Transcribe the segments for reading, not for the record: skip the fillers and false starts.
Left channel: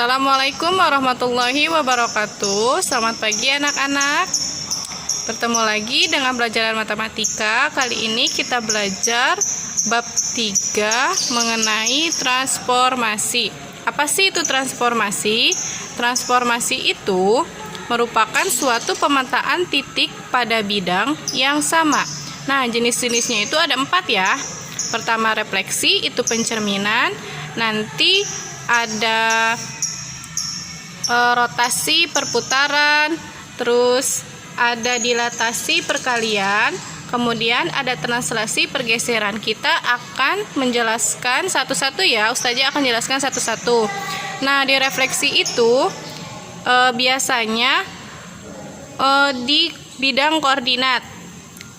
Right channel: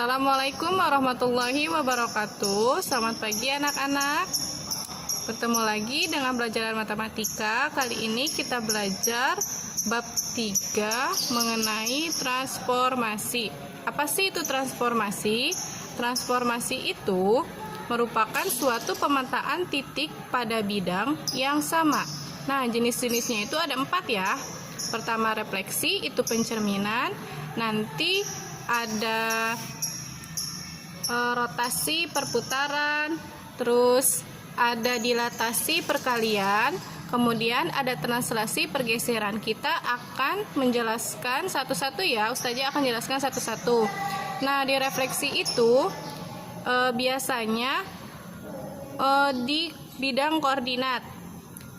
Assalamualaikum warahmatullahi wabarakatuh. Selamat pagi anak-anak. Bertemu lagi dengan pelajaran matematika. Kali ini kita belajar bab 3 mengenai transformasi. Apa sih itu transformasi? Transformasi itu merupakan suatu pemetaan titik pada bidang yang sama. Nah, jenis-jenisnya itu ada 4 ya. Pertama refleksi, itu pencerminan. Nanti ada rotasi perputaran, terus ada dilatasi perkalian, kemudian ada translasi pergeseran. Kita akan menjelaskan satu-satu ya, Ustazah akan jelaskan satu-satu. Nah, di refleksi itu biasanya di bidang koordinat.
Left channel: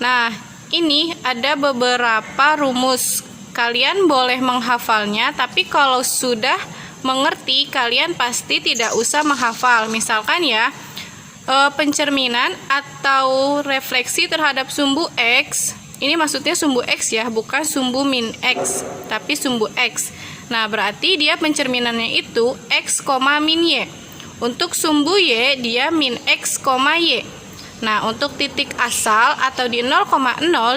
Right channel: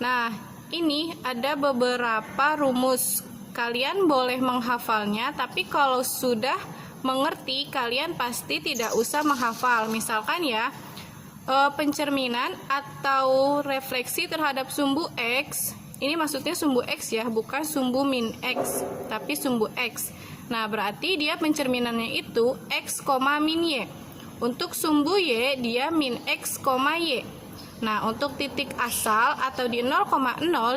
Nah, ini ada beberapa rumus. Kalian boleh menghafalnya, tapi kalau sudah mengerti, kalian pasti tidak usah menghafal. Misalkan ya, pencerminan atau refleksi terhadap sumbu X. Ini maksudnya sumbu X ya, bukan sumbu min X, tapi sumbu X. Nah, berarti dia pencerminannya itu X, min Y. Untuk sumbu Y, dia min X, Y. Nah, untuk titik asal atau di 0,0,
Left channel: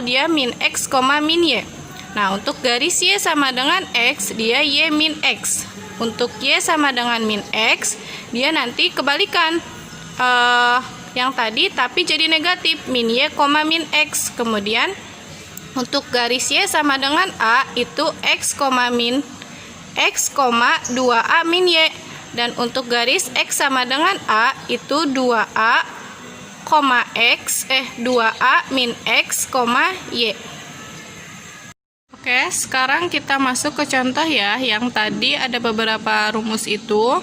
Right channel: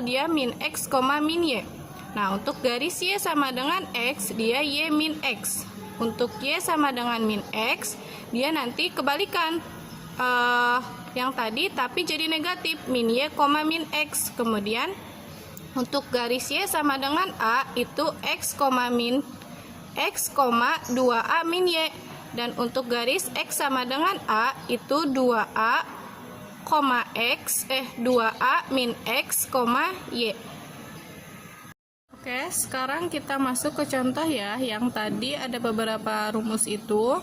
dia min X, min Y. Nah, untuk garis Y sama dengan X, dia Y min X. Untuk Y sama dengan min X, dia nanti kebalikan yang tadi, tapi jadi negatif, min Y, min X. Kemudian untuk garis Y sama dengan A, itu X, min X, 2A min Y. Dan untuk garis X sama dengan A, itu 2A, X, 2A min X, Y. Oke, sekarang kita masuk ke contoh ya. Yang tadi ada beberapa rumus itu.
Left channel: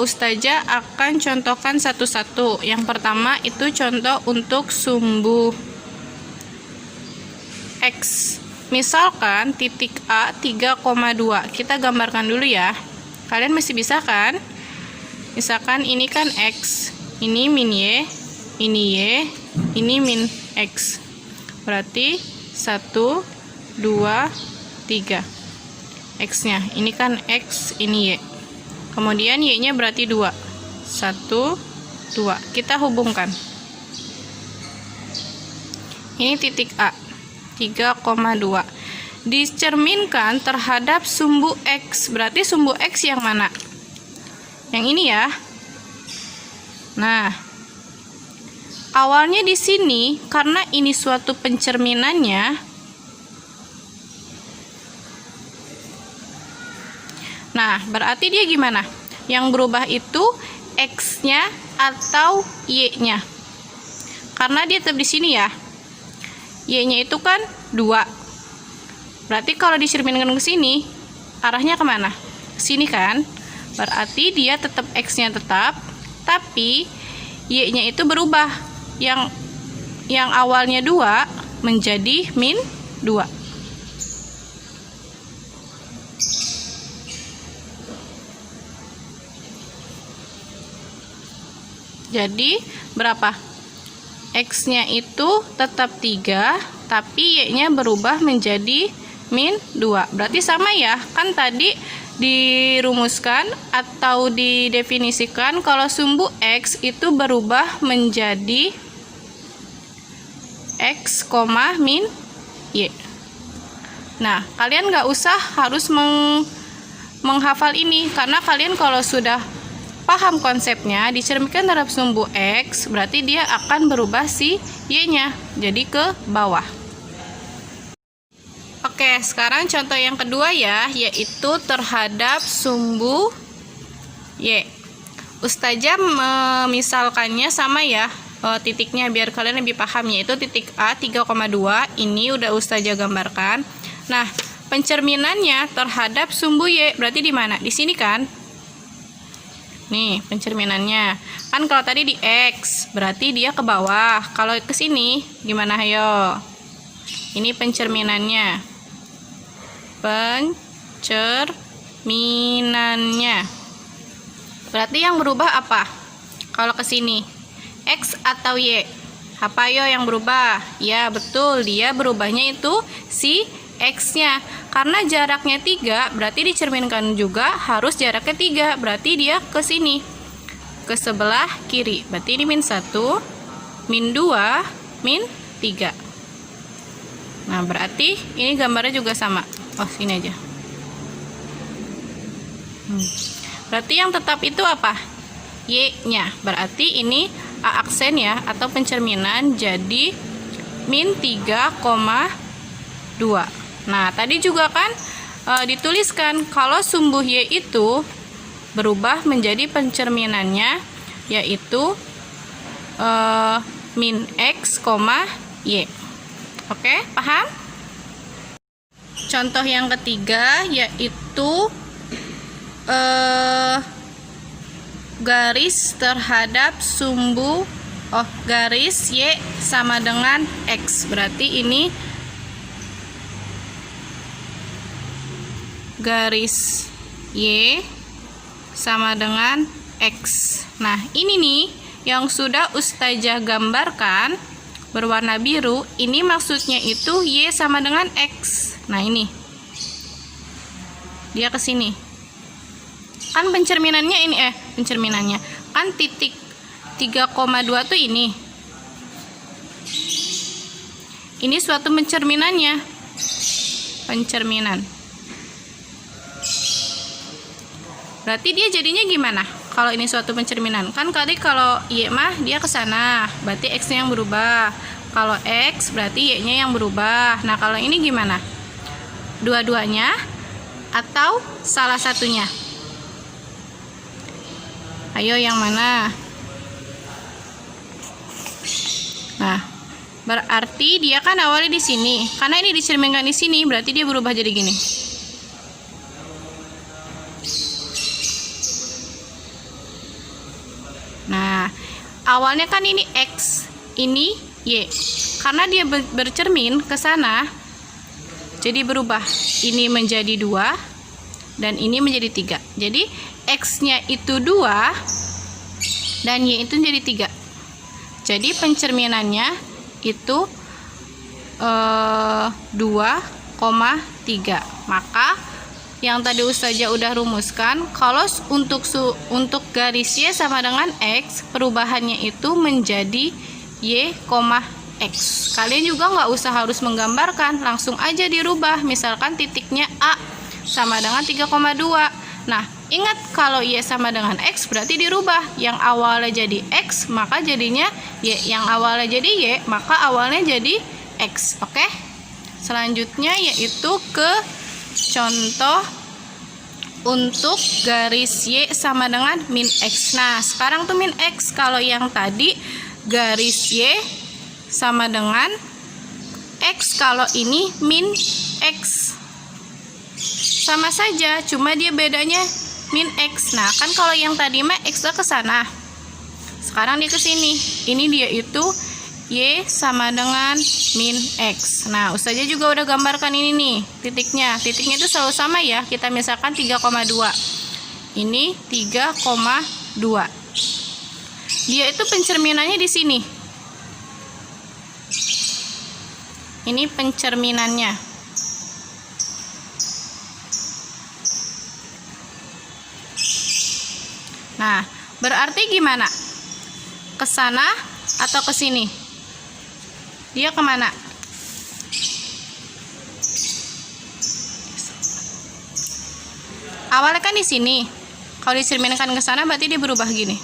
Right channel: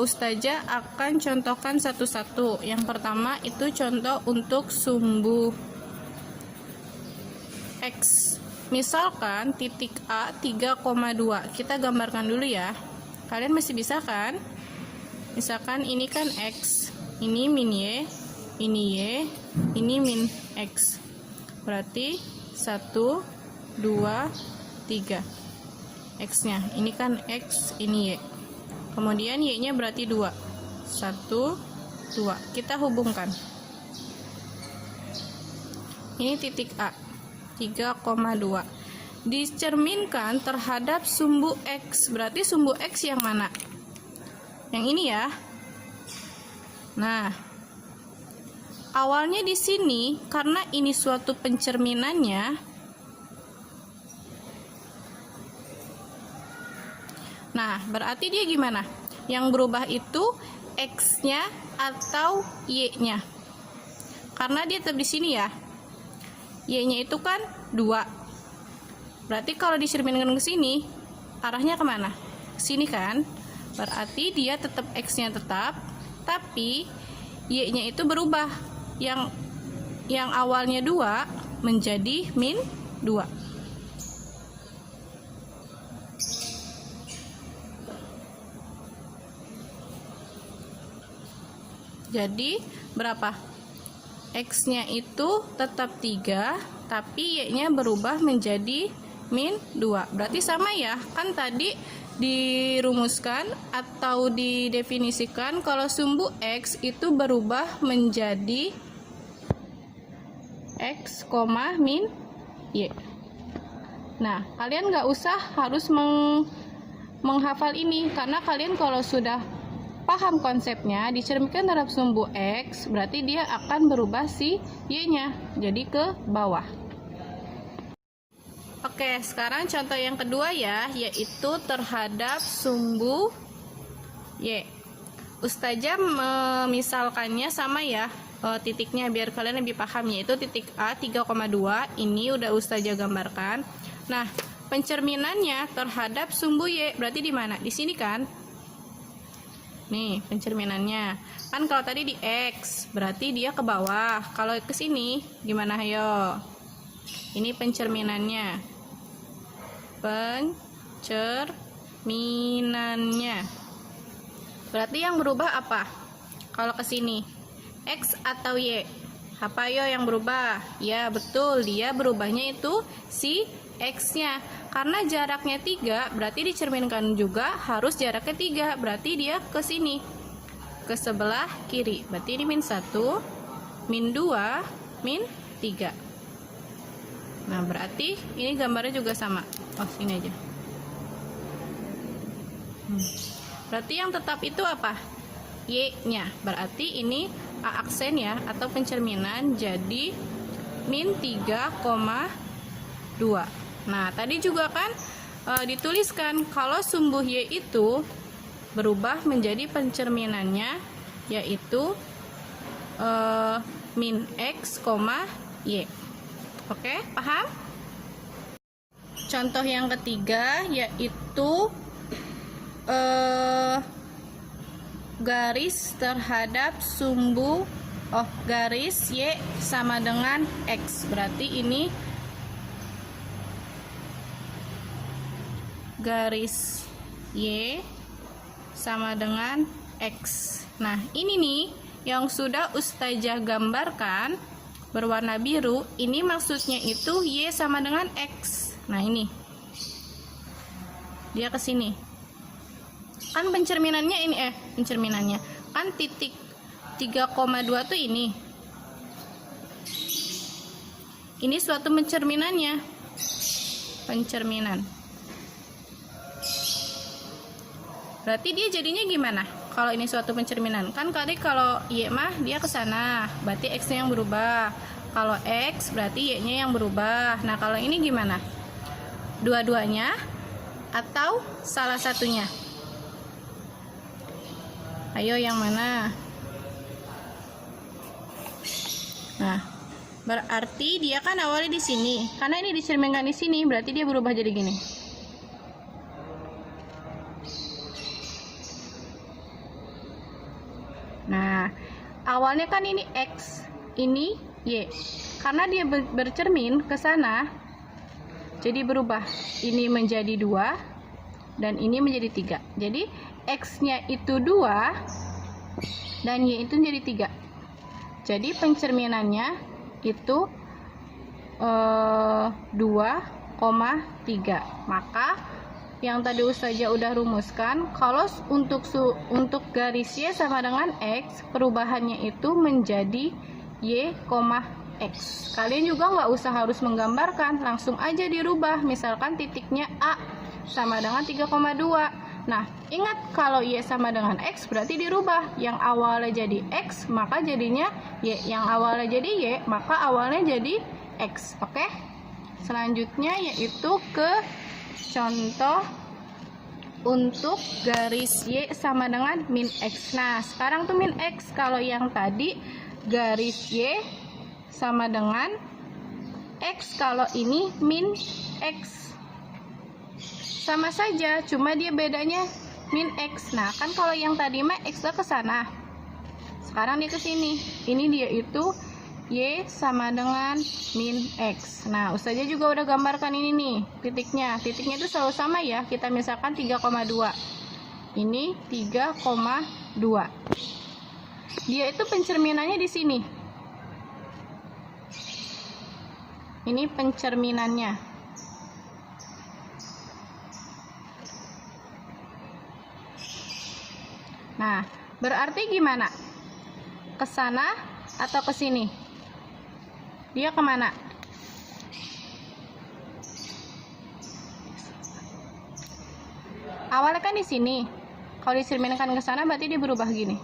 Ustazah akan contohkan satu-satu. Yang pertama itu contoh untuk sumbu X. Misalkan titik A 3,2. Kita gambarkan dulu ya. Kalian masih bisa kan? Misalkan ini kan X. Ini min Y. Ini Y. Ini min X. Berarti 1, 2, 3 X-nya, ini kan X, ini Y. Kemudian Y-nya berarti 2. 1, 2. Kita hubungkan. Ini titik A, 3,2. Dicerminkan terhadap sumbu X. Berarti sumbu X yang mana? Yang ini ya. Nah, awalnya di sini karena ini suatu pencerminannya. Nah, berarti dia gimana? Yang berubah itu X-nya atau Y-nya. Karena dia tetap di sini ya. Y-nya itu kan 2. Berarti kalau dicerminkan ke sini, arahnya kemana? Ke sini kan? Berarti dia tetap X-nya tetap, tapi Y-nya itu berubah. Yang awalnya 2 menjadi min 2. Jadi berapa? X-nya itu tetap 3, tapi Y-nya berubah menjadi min 2. Berarti sama ya, kan tadi dirumuskan atau didefinisikan kalau sumbu X itu berubah menjadi X, min Y. Nah, kalian nggak usah harus menghafal ini, karena kalian kalau sudah paham konsepnya, dicerminkan terhadap sumbu X, berarti dia akan berubah si Y-nya, jadi ke bawah. Oke, sekarang contoh yang kedua ya, yaitu terhadap sumbu Y. Ustazah memisalkannya sama ya, titiknya biar kalian lebih paham, yaitu titik A 3,2. Ini udah Ustazah gambarkan. Nah, pencerminannya terhadap sumbu Y, berarti di mana? Di sini kan? Nih, pencerminannya. Kan kalau tadi di X, berarti dia ke bawah. Kalau ke sini, gimana ayo? Ini pencerminannya. Pencerminannya. Berarti yang berubah apa? Kalau ke sini, X atau Y? Apa yo yang berubah? Ya, betul. Dia berubahnya itu si X-nya. Karena jaraknya 3, berarti dicerminkan juga harus jaraknya 3. Berarti dia ke sini, ke sebelah kiri. Berarti ini min 1, min 2, min 3. Nah, berarti ini gambarnya juga sama. Oh, sini aja. Berarti yang tetap itu apa? Y-nya. Berarti ini A aksen ya, atau pencerminan, jadi min 3,2. Nah, tadi juga kan dituliskan kalau sumbu Y itu berubah menjadi pencerminannya, yaitu min X, Y. Oke, paham? Contoh yang ketiga yaitu garis terhadap sumbu garis Y sama dengan X. Berarti ini garis Y sama dengan X. Nah, ini nih yang sudah Ustazah gambarkan berwarna biru. Ini maksudnya itu Y sama dengan X. Nah, ini dia ke sini. Kan pencerminannya ini pencerminannya kan titik 3,2 tuh ini. Ini suatu pencerminannya. Pencerminan. Berarti dia jadinya gimana? Kalau ini suatu pencerminan, kan tadi kalau Y mah dia ke sana, berarti X-nya yang berubah. Kalau X berarti Y-nya yang berubah. Nah, kalau ini gimana? Dua-duanya atau salah satunya? Ayo, yang mana? Nah, berarti dia kan awalnya di sini. Karena ini dicerminkan di sini, berarti dia berubah jadi gini. Nah, awalnya kan ini X, ini Y. Karena dia bercermin ke sana, jadi berubah. Ini menjadi 2 dan ini menjadi 3. Jadi X-nya itu 2 dan Y itu jadi 3. Jadi pencerminannya itu 2,3. Maka yang tadi Ustazah udah rumuskan, kalau untuk garis Y sama dengan X, perubahannya itu menjadi Y, X. Kalian juga nggak usah harus menggambarkan, langsung aja dirubah. Misalkan titiknya A sama dengan 3,2. Nah, ingat kalau Y sama dengan X berarti dirubah. Yang awalnya jadi X, maka jadinya Y. Yang awalnya jadi Y, maka awalnya jadi X. Oke? Selanjutnya yaitu ke contoh untuk garis Y sama dengan min X. Nah, sekarang tuh min X. Kalau yang tadi garis Y sama dengan X, kalau ini min X. Sama saja, cuma dia bedanya min X. Nah, kan kalau yang tadi mah X ke sana. Sekarang dia ke sini. Ini dia itu Y sama dengan min X. Nah, Ustazah juga udah gambarkan ini nih, titiknya. Titiknya itu selalu sama ya. Kita misalkan 3,2. Ini 3,2. Dia itu pencerminannya di sini. Ini pencerminannya. Nah, berarti gimana? Ke sana atau ke sini? Dia kemana? Awalnya kan di sini. Kalau dicerminkan ke sana berarti dia berubah gini.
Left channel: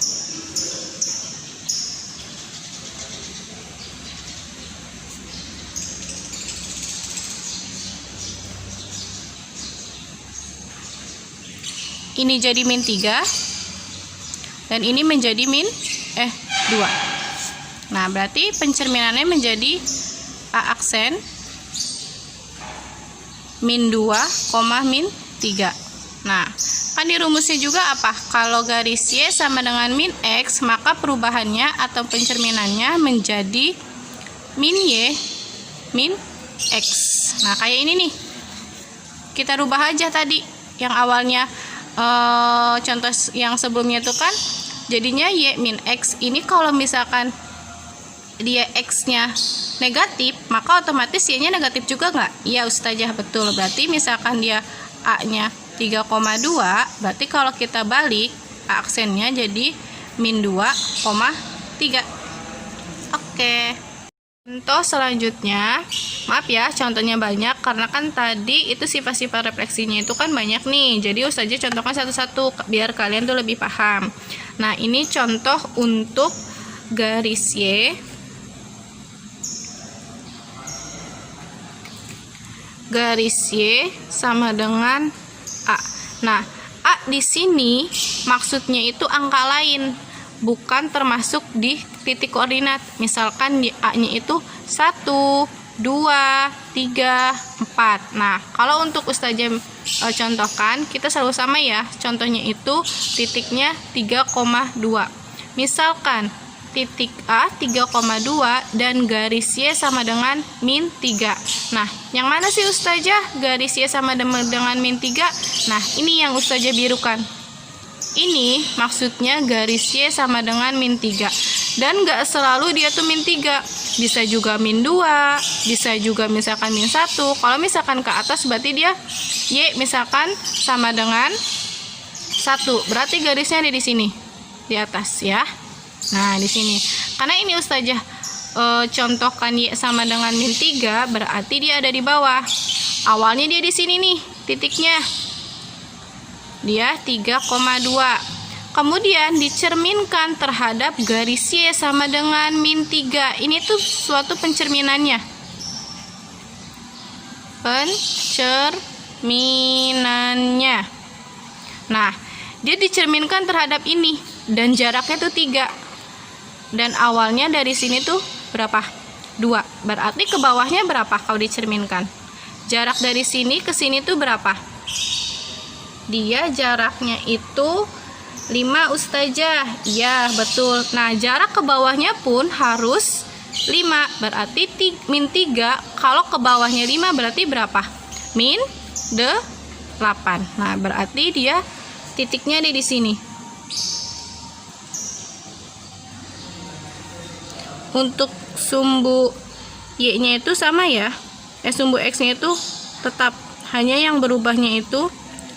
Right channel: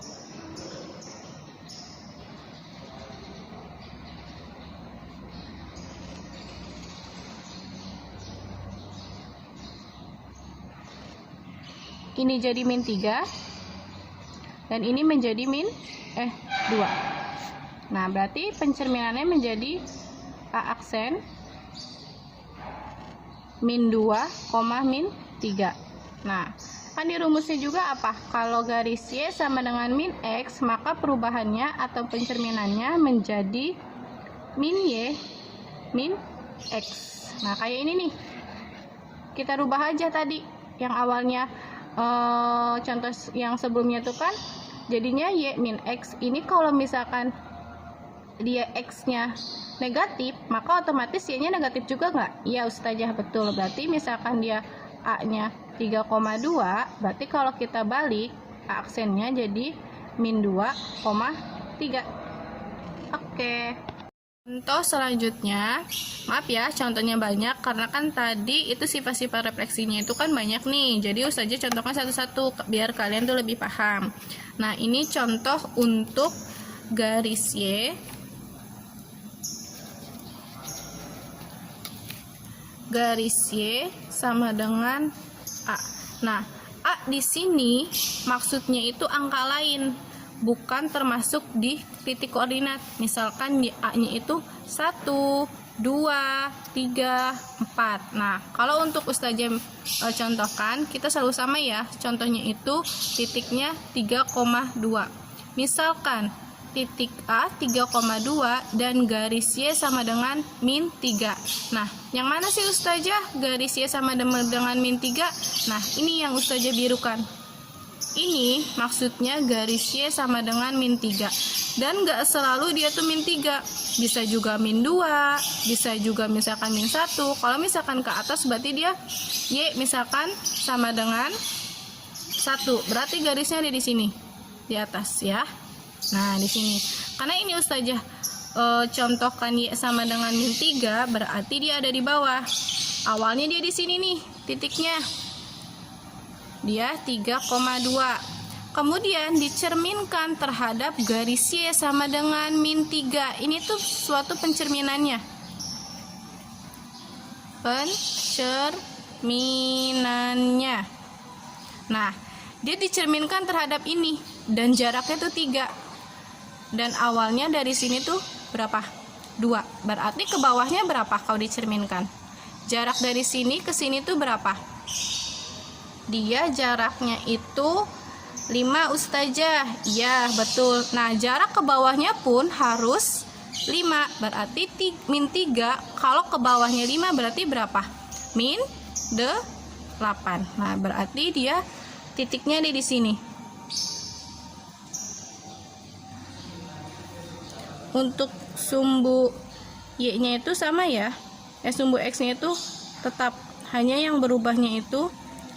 Ini jadi min 3 dan ini menjadi min 2. Nah, berarti pencerminannya menjadi A aksen min 2, min 3. Nah, kan di rumusnya juga apa? Kalau garis Y sama dengan min X, maka perubahannya atau pencerminannya menjadi min Y, min X. Nah, kayak ini nih. Kita rubah aja tadi. Yang awalnya contoh yang sebelumnya itu kan jadinya Y min X. Ini kalau misalkan dia X-nya negatif, maka otomatis Y-nya negatif juga nggak? Iya Ustazah, betul. Berarti misalkan dia A-nya 3,2, berarti kalau kita balik A aksennya jadi min 2,3. Oke. Contoh selanjutnya, maaf ya contohnya banyak karena kan tadi itu sifat-sifat refleksinya itu kan banyak nih. Jadi Ustazah contohkan satu-satu biar kalian tuh lebih paham. Nah, ini contoh untuk garis Y, garis Y sama dengan A. Nah, A di sini maksudnya itu angka lain, bukan termasuk di titik koordinat. Misalkan di A-nya itu 1, 2, 3, 4. Nah, kalau untuk Ustazah contohkan, kita selalu sama ya. Contohnya itu titiknya 3,2. Misalkan titik A 3,2 dan garis Y sama dengan min 3. Nah, yang mana sih Ustazah garis Y sama dengan min 3? Nah, ini yang Ustazah birukan. Ini maksudnya garis Y sama dengan min 3. Dan nggak selalu dia tuh min 3. Bisa juga min 2, bisa juga misalkan min 1. Kalau misalkan ke atas berarti dia Y misalkan sama dengan 1. Berarti garisnya ada di sini. Di atas ya. Nah, di sini. Karena ini Ustazah contohkan Y sama dengan min 3, berarti dia ada di bawah. Awalnya dia di sini nih, titiknya. Dia 3,2. Kemudian dicerminkan terhadap garis Y sama dengan min 3. Ini tuh suatu pencerminannya. Pencerminannya. Nah, dia dicerminkan terhadap ini dan jaraknya tuh 3. Dan awalnya dari sini tuh berapa? 2. Berarti ke bawahnya berapa kalau dicerminkan? Jarak dari sini ke sini tuh berapa? Dia jaraknya itu 5 Ustazah. Iya, betul. Nah, jarak ke bawahnya pun harus 5. Berarti min 3. Kalau ke bawahnya 5 berarti berapa? Min 8. Nah, berarti dia titiknya ada di sini. Untuk sumbu Y-nya itu sama ya. Sumbu X-nya itu tetap, hanya yang berubahnya itu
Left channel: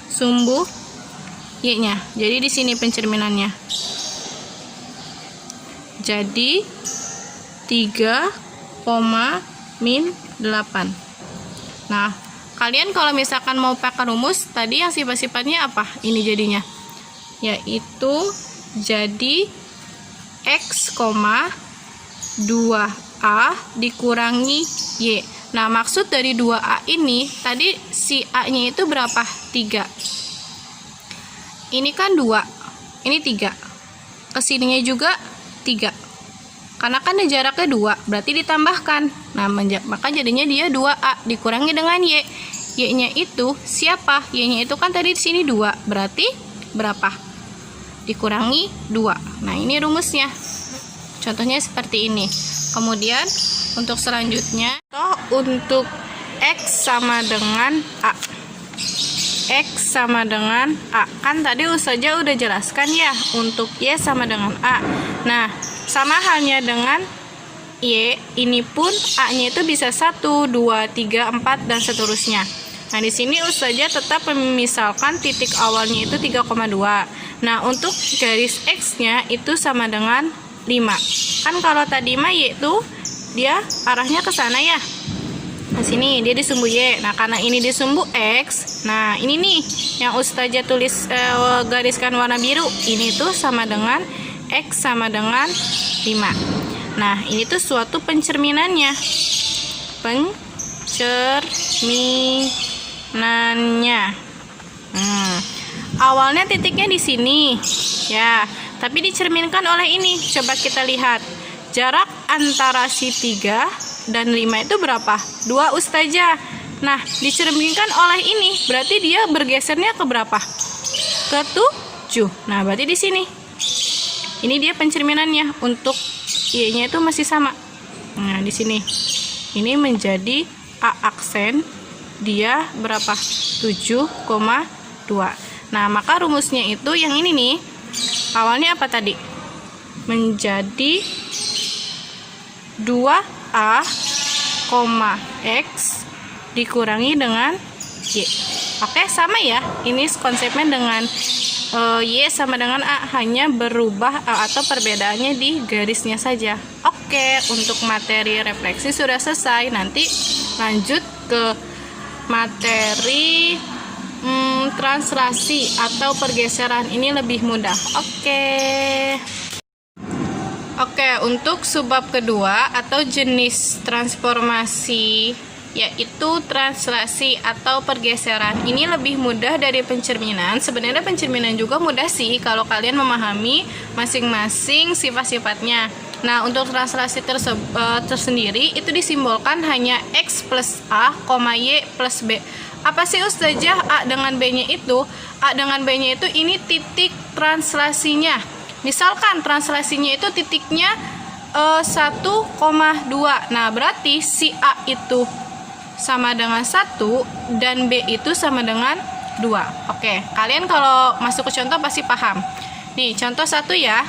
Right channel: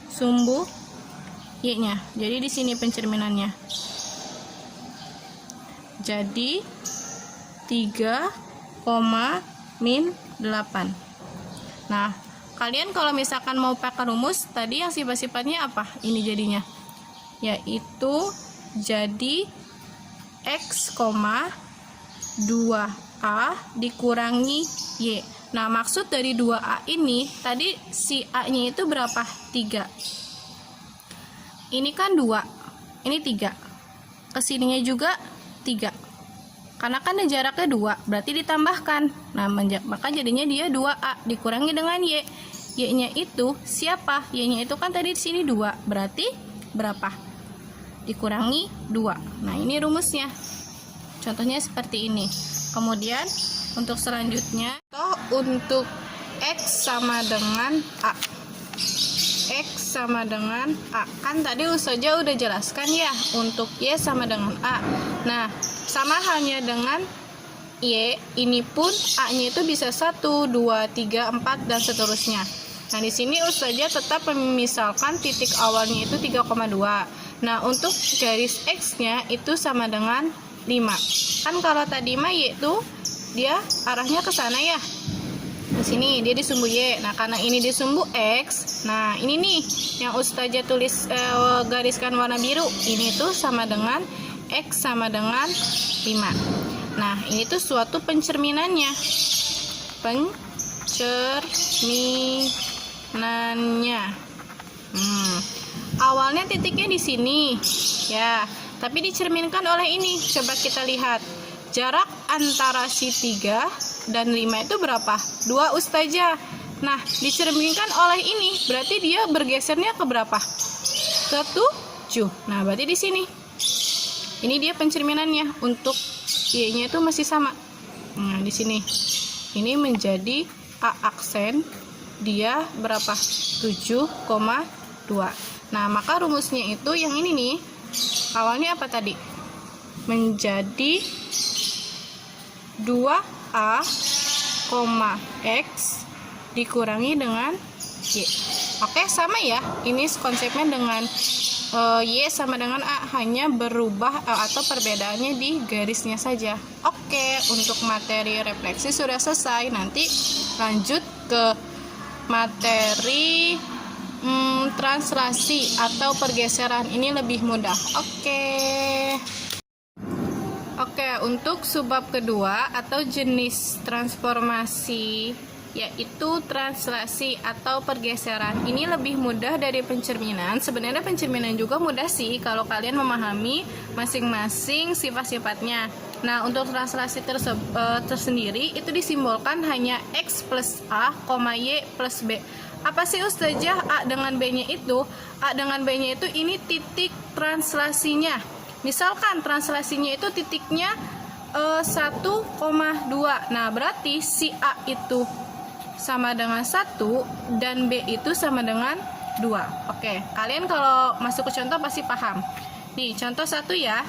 sumbu Y-nya. Jadi di sini pencerminannya. Jadi 3, min 8. Nah, kalian kalau misalkan mau pakai rumus tadi yang sifat-sifatnya apa? Ini jadinya. Yaitu jadi X, 2A dikurangi Y. Nah, maksud dari 2A ini, tadi si A-nya itu berapa? 3. Ini kan 2, ini 3. Kesininya juga 3. Karena kan jaraknya 2, berarti ditambahkan. Nah, maka jadinya dia 2A dikurangi dengan Y. Y-nya itu siapa? Y-nya itu kan tadi di sini 2, berarti berapa? Dikurangi 2. Nah, ini rumusnya. Contohnya seperti ini. Kemudian untuk selanjutnya, untuk X sama dengan A. X sama dengan A. Kan tadi Ustazah udah jelaskan ya untuk Y sama dengan A. Nah, sama halnya dengan Y, ini pun A-nya itu bisa 1, 2, 3, 4 dan seterusnya. Nah, di sini Ustazah tetap memisalkan titik awalnya itu 3,2. Nah, untuk garis X-nya itu sama dengan 5. Kan kalau tadi mah Y itu dia arahnya ke sana ya. Nah, sini dia di sumbu Y. Nah, karena ini di sumbu X, nah ini nih yang Ustazah tulis gariskan warna biru. Ini tuh sama dengan X sama dengan 5. Nah, ini tuh suatu pencerminannya. Pencerminannya. Awalnya titiknya di sini. Ya. Tapi dicerminkan oleh ini. Coba kita lihat. Jarak antara si 3 dan 5 itu berapa? 2 Ustazah. Nah, dicerminkan oleh ini. Berarti dia bergesernya ke berapa? Ke 7. Nah, berarti di sini. Ini dia pencerminannya. Untuk Y-nya itu masih sama. Nah, di sini. Ini menjadi A aksen. Dia berapa? 7,2. Nah, maka rumusnya itu yang ini nih. Awalnya apa tadi? Menjadi 2A, X dikurangi dengan Y. Oke, sama ya. Ini konsepnya dengan Y sama dengan A, hanya berubah atau perbedaannya di garisnya saja. Oke, untuk materi refleksi sudah selesai. Nanti lanjut ke materi translasi atau pergeseran. Ini lebih mudah. Oke, untuk subbab kedua atau jenis transformasi, yaitu translasi atau pergeseran. Ini lebih mudah dari pencerminan. Sebenarnya pencerminan juga mudah sih kalau kalian memahami masing-masing sifat-sifatnya. Nah, untuk translasi tersendiri itu disimbolkan hanya X plus A, Y plus B. Apa sih Ustazah A dengan B-nya itu? A dengan B-nya itu ini titik translasinya. Misalkan translasinya itu titiknya 1,2. Nah, berarti si A itu sama dengan 1 dan B itu sama dengan 2. Oke, kalian kalau masuk ke contoh pasti paham. Nih, contoh 1 ya.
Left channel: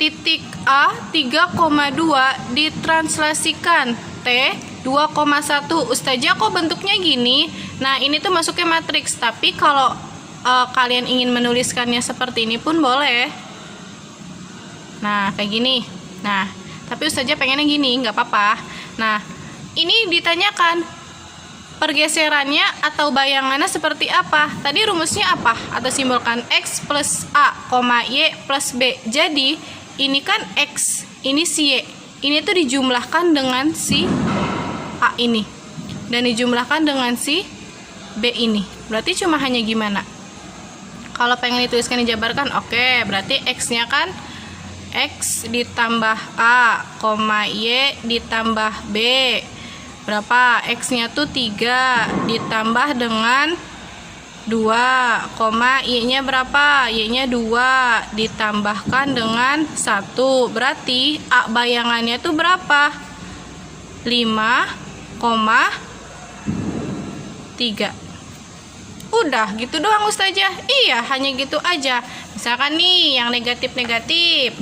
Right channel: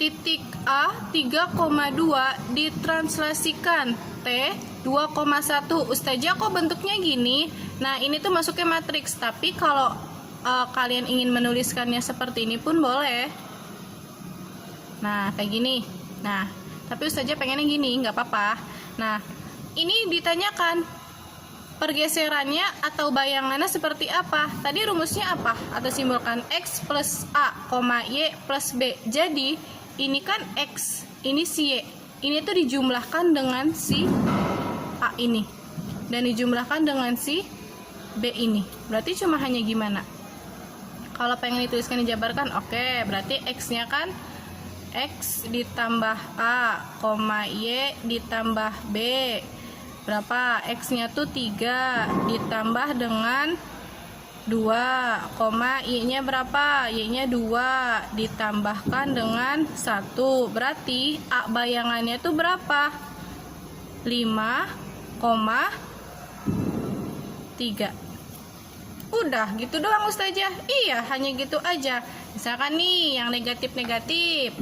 Titik A 3,2 ditranslasikan T 2,1. Ustazah kok bentuknya gini? Nah, ini tuh masuknya matriks, tapi kalau kalian ingin menuliskannya seperti ini pun boleh. Nah, kayak gini. Nah, tapi Ustazah pengennya gini, nggak apa-apa. Nah, ini ditanyakan pergeserannya atau bayangannya seperti apa. Tadi rumusnya apa? Atau simbolkan X plus A, Y plus B. Jadi, ini kan X, ini si Y. Ini tuh dijumlahkan dengan si A ini. Dan dijumlahkan dengan si B ini. Berarti cuma hanya gimana? Kalau pengen dituliskan dijabarkan, oke, berarti X-nya kan X ditambah A, Y ditambah B. Berapa? X-nya tuh 3 ditambah dengan 2, Y-nya berapa? Y-nya 2 ditambahkan dengan 1. Berarti A bayangannya tuh berapa? 5,3. Udah gitu doang Ustazah. Iya, hanya gitu aja. Misalkan nih yang negatif-negatif,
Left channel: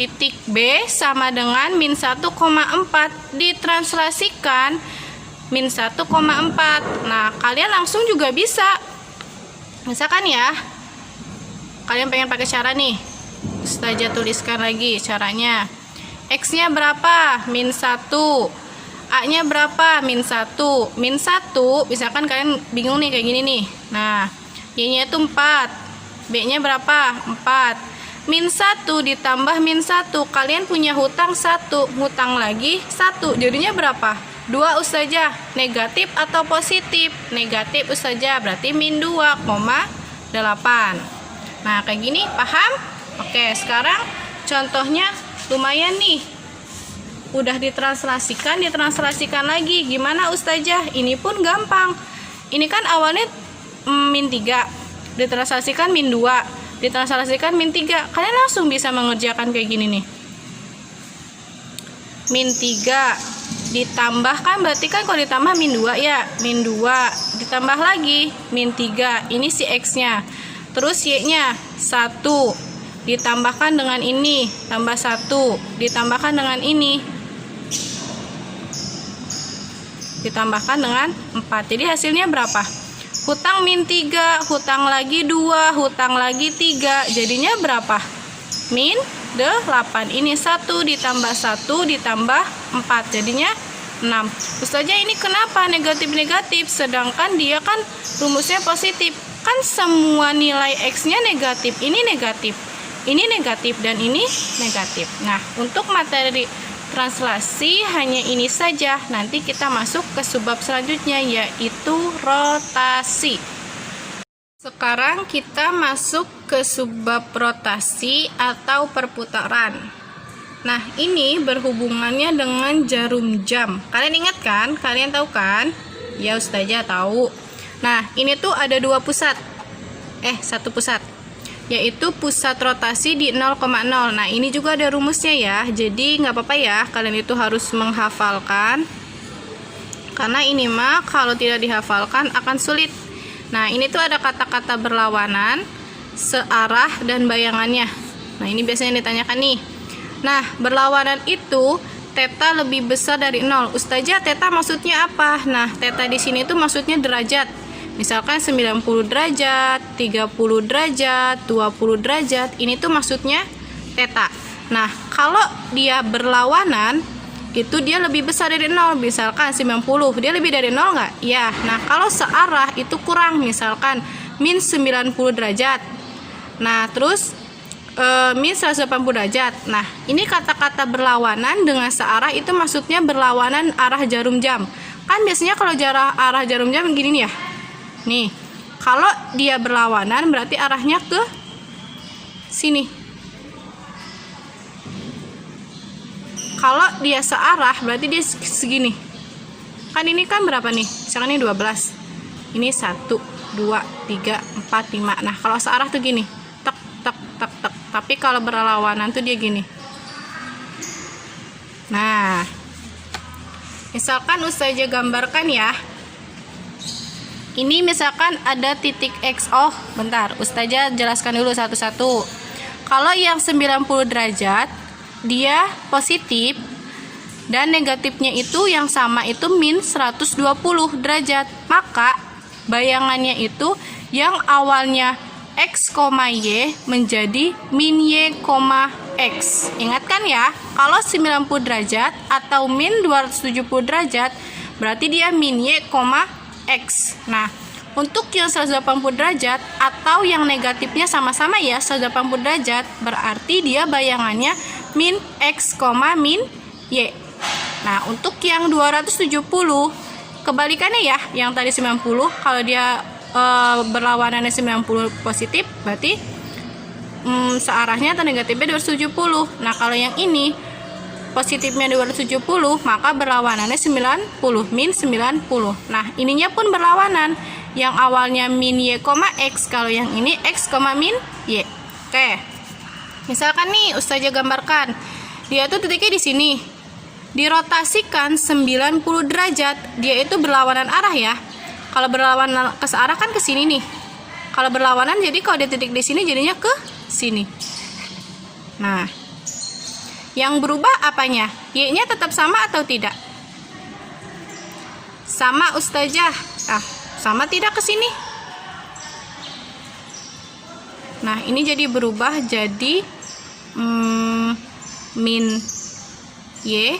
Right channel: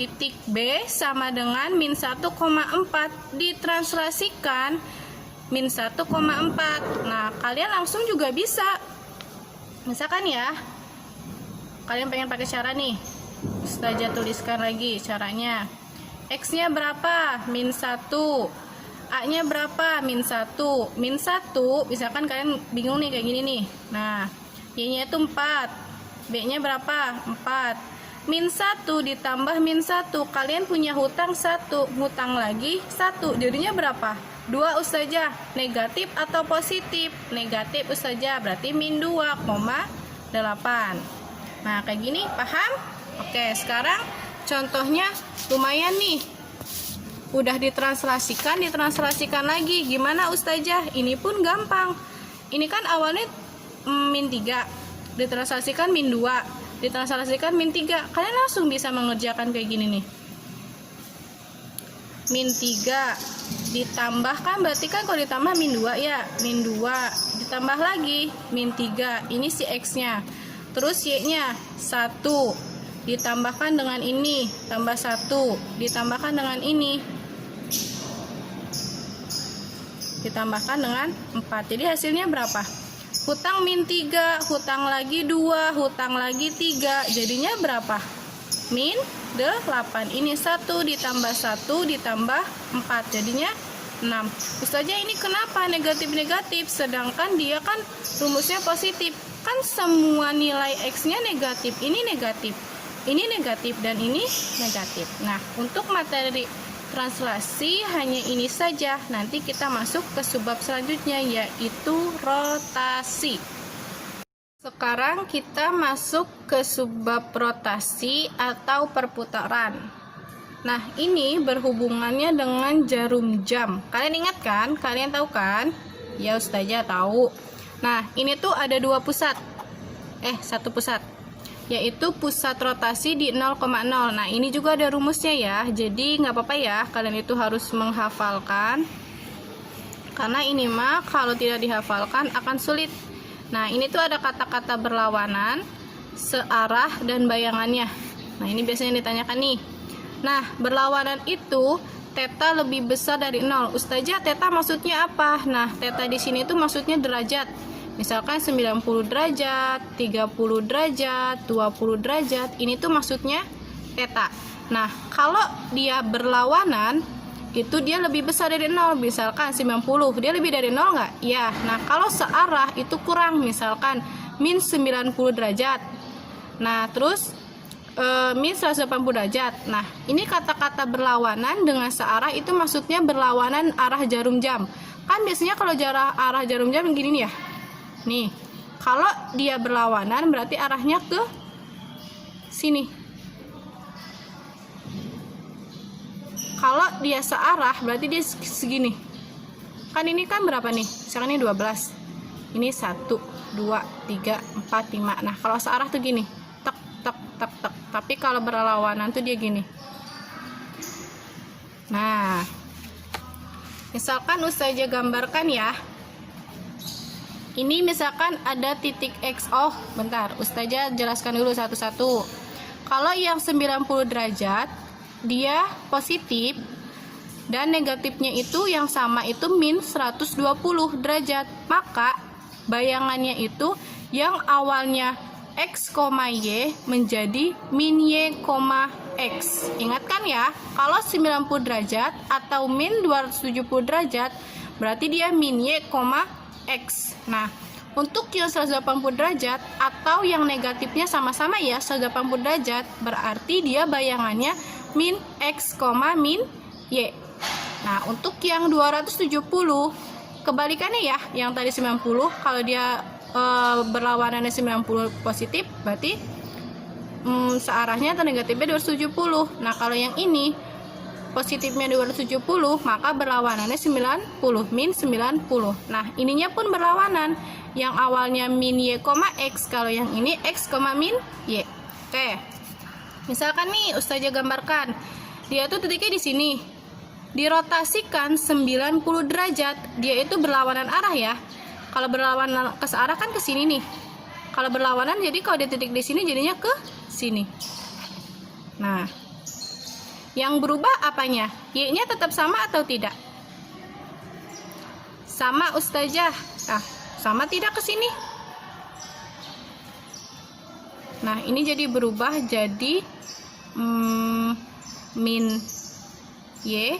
titik B sama dengan min 1,4 ditranslasikan min 1,4. Nah, kalian langsung juga bisa. Misalkan ya, kalian pengen pakai cara nih, Ustazah tuliskan lagi caranya. X-nya berapa? Min 1. A-nya berapa? Min 1. Min 1, misalkan kalian bingung nih kayak gini nih. Nah, Y-nya itu 4. B-nya berapa? 4. Min 1 ditambah min 1. Kalian punya hutang 1. Hutang lagi 1. Jadinya berapa? 2 Ustazah. Negatif atau positif? Negatif Ustazah. Berarti min 2,8. Nah, kayak gini. Paham? Oke, sekarang contohnya lumayan nih. Udah ditranslasikan lagi. Gimana Ustazah? Ini pun gampang. Ini kan awalnya min 3, ditranslasikan min 2, ditranslasikan min 3. Kalian langsung bisa mengerjakan kayak gini nih. Min 3 ditambahkan, berarti kan kalau ditambah min 2 ya. Min 2 ditambah lagi min 3. Ini si X-nya. Terus Y-nya 1 ditambahkan dengan ini, tambah 1 ditambahkan dengan ini, ditambahkan dengan 4. Jadi hasilnya berapa? Hutang min 3, hutang lagi 2, hutang lagi 3. Jadinya berapa? Min 8. Ini 1 ditambah 1 ditambah 4. Jadinya 6. Ustazah ini kenapa negatif-negatif? Sedangkan dia kan rumusnya positif. Kan semua nilai X-nya negatif. Ini negatif. Ini negatif dan ini negatif. Nah, untuk materi translasi hanya ini saja. Nanti kita masuk ke subbab selanjutnya, yaitu rotasi. Sekarang kita masuk ke subbab rotasi atau perputaran. Nah, ini berhubungannya dengan jarum jam. Kalian ingat kan? Kalian tahu kan? Ya, Ustazah tahu. Nah, ini tuh ada 2 pusat. 1 pusat. Yaitu pusat rotasi di 0,0. Nah, ini juga ada rumusnya ya. Jadi nggak apa-apa ya, kalian itu harus menghafalkan. Karena ini mah kalau tidak dihafalkan akan sulit. Nah, ini tuh ada kata-kata berlawanan, searah, dan bayangannya. Nah, ini biasanya ditanyakan nih. Nah, berlawanan itu theta lebih besar dari 0. Ustazah, theta maksudnya apa? Nah, theta di sini itu maksudnya derajat. Misalkan 90 derajat, 30 derajat, 20 derajat. Ini tuh maksudnya theta. Nah, kalau dia berlawanan, itu dia lebih besar dari 0. Misalkan 90, dia lebih dari 0 nggak? Ya. Nah, kalau searah itu kurang. Misalkan min 90 derajat. Nah, terus min 180 derajat. Nah, ini kata-kata berlawanan dengan searah itu maksudnya berlawanan arah jarum jam. Kan biasanya kalau arah jarum jam gini nih ya. Nih, kalau dia berlawanan berarti arahnya ke sini. Kalau dia searah berarti dia segini. Kan ini kan berapa nih? Misalkan ini 12. Ini 1, 2, 3, 4, 5. Nah, kalau searah tuh gini. Tek, tek, tek, tek. Tapi kalau berlawanan tuh dia gini. Nah, misalkan Ustazah gambarkan ya. Ini misalkan ada titik X. Oh, bentar. Ustazah jelaskan dulu satu-satu. Kalau yang 90 derajat, dia positif. Dan negatifnya itu yang sama itu min 120 derajat. Maka bayangannya itu yang awalnya X, Y menjadi min Y, X. Ingatkan ya, kalau 90 derajat atau min 270 derajat berarti dia min Y, X. Nah, untuk yang 180 derajat atau yang negatifnya sama-sama ya 180 derajat berarti dia bayangannya min X, min Y. Nah, untuk yang 270 kebalikannya ya, yang tadi 90 kalau dia berlawanannya 90 positif berarti searahnya atau negatifnya 270. Nah, kalau yang ini positifnya 270 maka berlawanannya 90, min 90. Nah, ininya pun berlawanan, yang awalnya min Y, X. Kalau yang ini X, min Y. Oke, misalkan nih Ustazah gambarkan dia tuh titiknya di sini, dirotasikan 90 derajat, dia itu berlawanan arah ya. Kalau berlawanan ke searah kan ke sini nih. Kalau berlawanan jadi kalau dia titik di sini jadinya ke sini. Nah, yang berubah apanya? Y-nya tetap sama atau tidak? Sama Ustazah. Sama tidak ke sini? Nah, ini jadi berubah jadi min Y,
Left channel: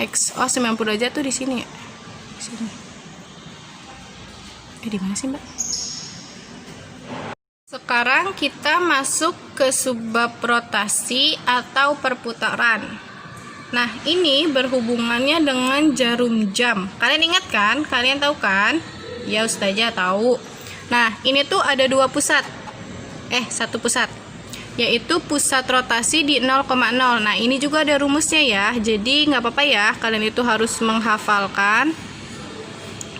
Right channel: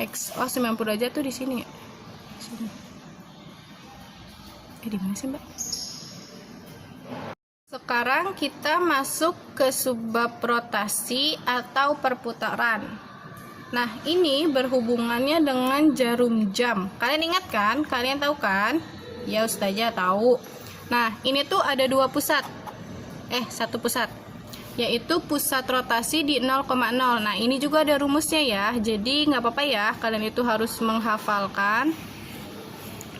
X. Oh, 90 derajat tuh di sini ya. Sini. Di mana sih, Mbak? Sekarang kita masuk ke subbab rotasi atau perputaran. Nah, ini berhubungannya dengan jarum jam. Kalian ingat kan? Kalian tahu kan? Ya, Ustazah tahu. Nah, ini tuh ada dua pusat. Satu pusat. Yaitu pusat rotasi di 0,0. Nah, ini juga ada rumusnya ya. Jadi, nggak apa-apa ya. Kalian itu harus menghafalkan.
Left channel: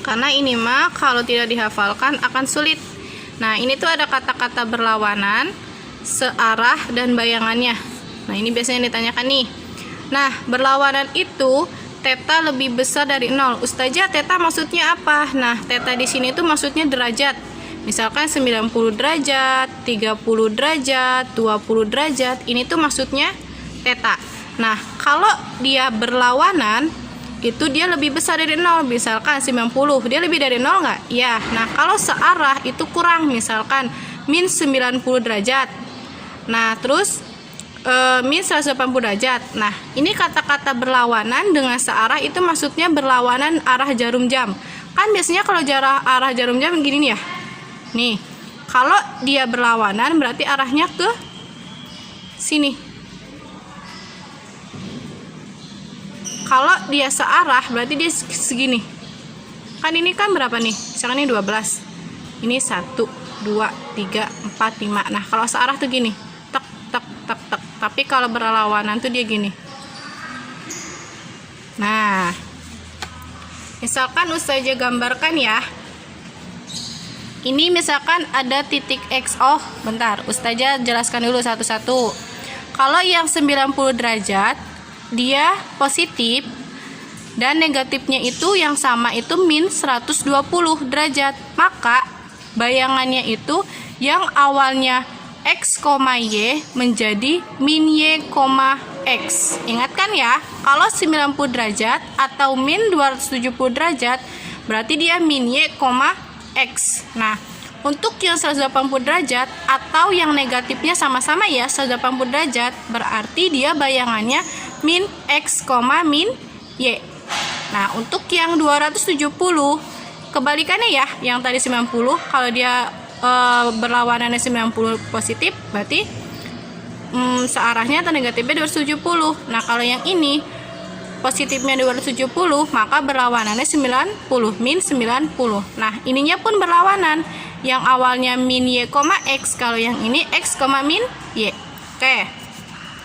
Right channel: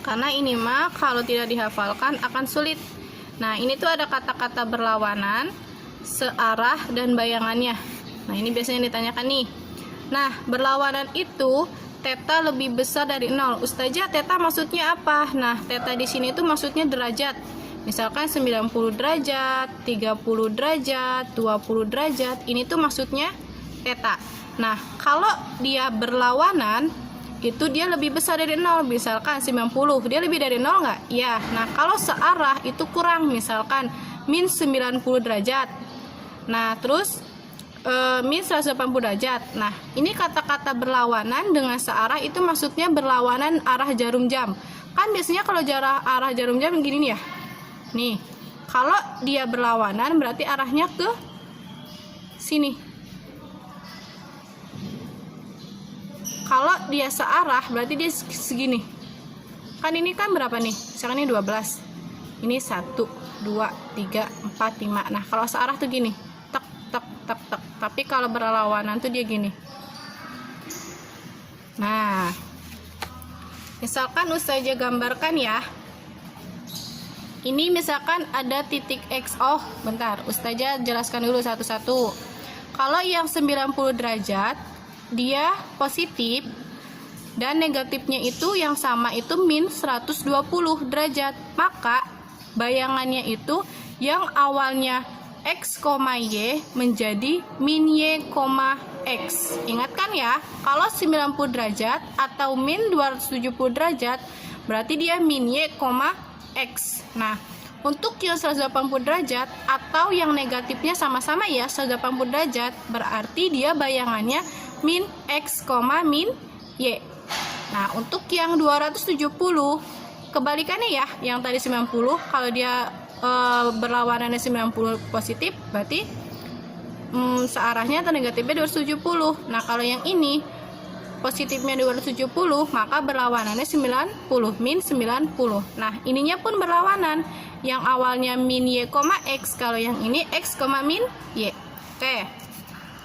Karena ini mah kalau tidak dihafalkan akan sulit. Nah, ini tuh ada kata-kata berlawanan, searah, dan bayangannya. Nah, ini biasanya ditanyakan nih. Nah, berlawanan itu theta lebih besar dari 0. Ustazah, theta maksudnya apa? Nah, theta di sini tuh maksudnya derajat. Misalkan 90 derajat, 30 derajat, 20 derajat. Ini tuh maksudnya theta. Nah, kalau dia berlawanan itu dia lebih besar dari 0. Misalkan 90, dia lebih dari 0 nggak? Ya. Nah, kalau searah itu kurang. Misalkan min 90 derajat. Nah, terus min 180 derajat. Nah, ini kata-kata berlawanan dengan searah itu maksudnya berlawanan arah jarum jam. Kan biasanya kalau arah jarum jam gini nih ya. Nih, kalau dia berlawanan berarti arahnya ke sini. Kalau dia searah berarti dia segini. Kan ini kan berapa nih? Misalkan ini 12. Ini 1, 2, 3, 4, 5. Nah, kalau searah tuh gini. Tek, tek, tek, tek. Tapi kalau berlawanan tuh dia gini. Nah, misalkan Ustazah gambarkan ya. Ini misalkan ada titik X. Oh, bentar. Ustazah jelaskan dulu satu-satu. Kalau yang 90 derajat, dia positif. Dan negatifnya itu yang sama itu min 120 derajat. Maka bayangannya itu yang awalnya X, Y menjadi min Y, X. Ingatkan ya, kalau 90 derajat atau min 270 derajat, berarti dia min Y, X. Nah, untuk yang 180 derajat atau yang negatifnya sama-sama ya 180 derajat, berarti dia bayangannya min X, min Y. Nah, untuk yang 270 kebalikannya ya, yang tadi 90, kalau dia berlawanannya 90 positif, berarti searahnya atau negatifnya 270. Nah, kalau yang ini positifnya 270, maka berlawanannya 90, min 90. Nah, ininya pun berlawanan. Yang awalnya min Y, X, kalau yang ini X, min Y. Oke.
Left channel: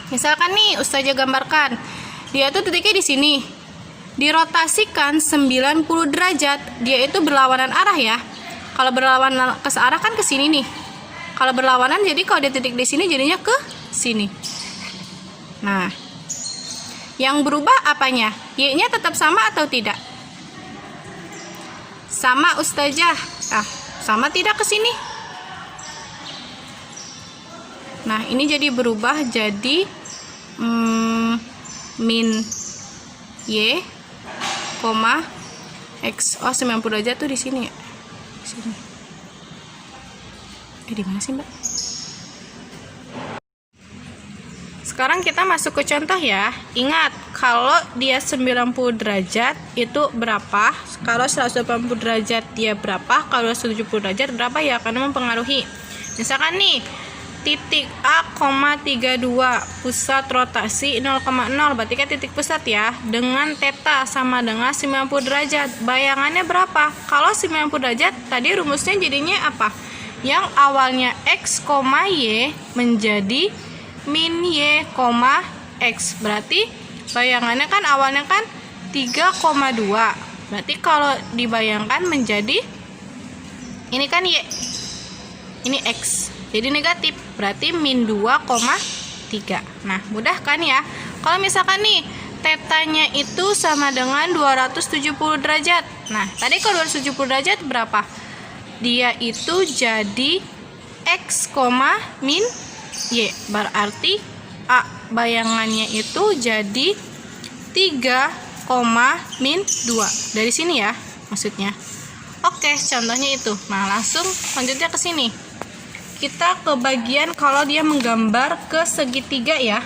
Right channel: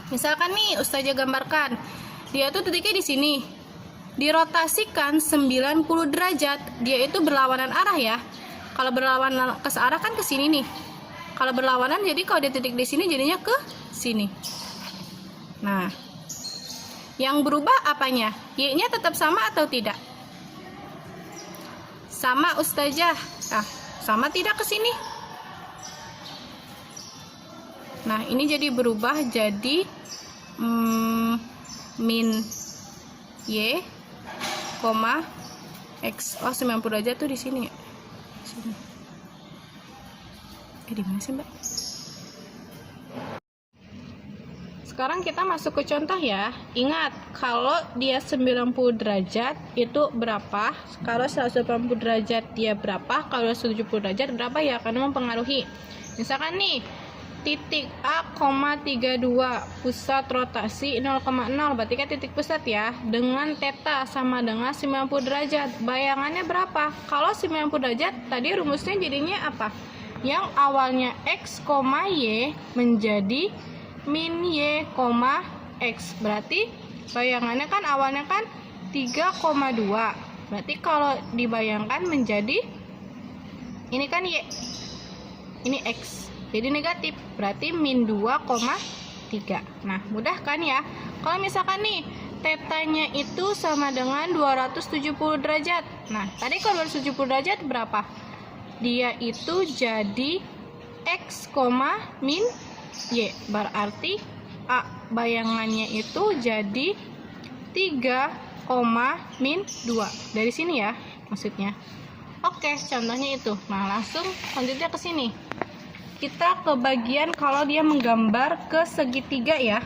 Misalkan nih, Ustazah gambarkan. Dia tuh titiknya di sini. Dirotasikan 90 derajat, dia itu berlawanan arah ya. Kalau berlawanan ke searah kan ke sini nih. Kalau berlawanan, jadi kalau dia titik di sini jadinya ke sini. Nah, yang berubah apanya? Y-nya tetap sama atau tidak? Sama, Ustazah. Sama tidak ke sini? Nah, ini jadi berubah jadi min Y, X. 90 derajat tuh di sini ya. Sini. Di mana sih, Mbak? Sekarang kita masuk ke contoh ya. Ingat, kalau dia 90 derajat itu berapa? Kalau 180 derajat dia berapa? Kalau 170 derajat berapa ya? Karena mempengaruhi. Misalkan nih, titik A, 32 pusat rotasi 0,0, berarti kan titik pusat ya, dengan theta sama dengan 90 derajat. Bayangannya berapa? Kalau 90 derajat tadi rumusnya jadinya apa? Yang awalnya X, Y menjadi min Y, X. Berarti bayangannya kan awalnya kan 3,2. Berarti kalau dibayangkan menjadi ini kan Y, ini X, jadi negatif, berarti min 2,3. Nah, mudah kan ya? Kalau misalkan nih tetanya itu sama dengan 270 derajat. Nah, tadi kalau 270 derajat berapa? Dia itu jadi X, min Y. Berarti A bayangannya itu jadi 3, min 2. Dari sini ya maksudnya. Oke, contohnya itu. Nah, langsung lanjutnya ke sini. Kita ke bagian kalau dia menggambar ke segitiga ya.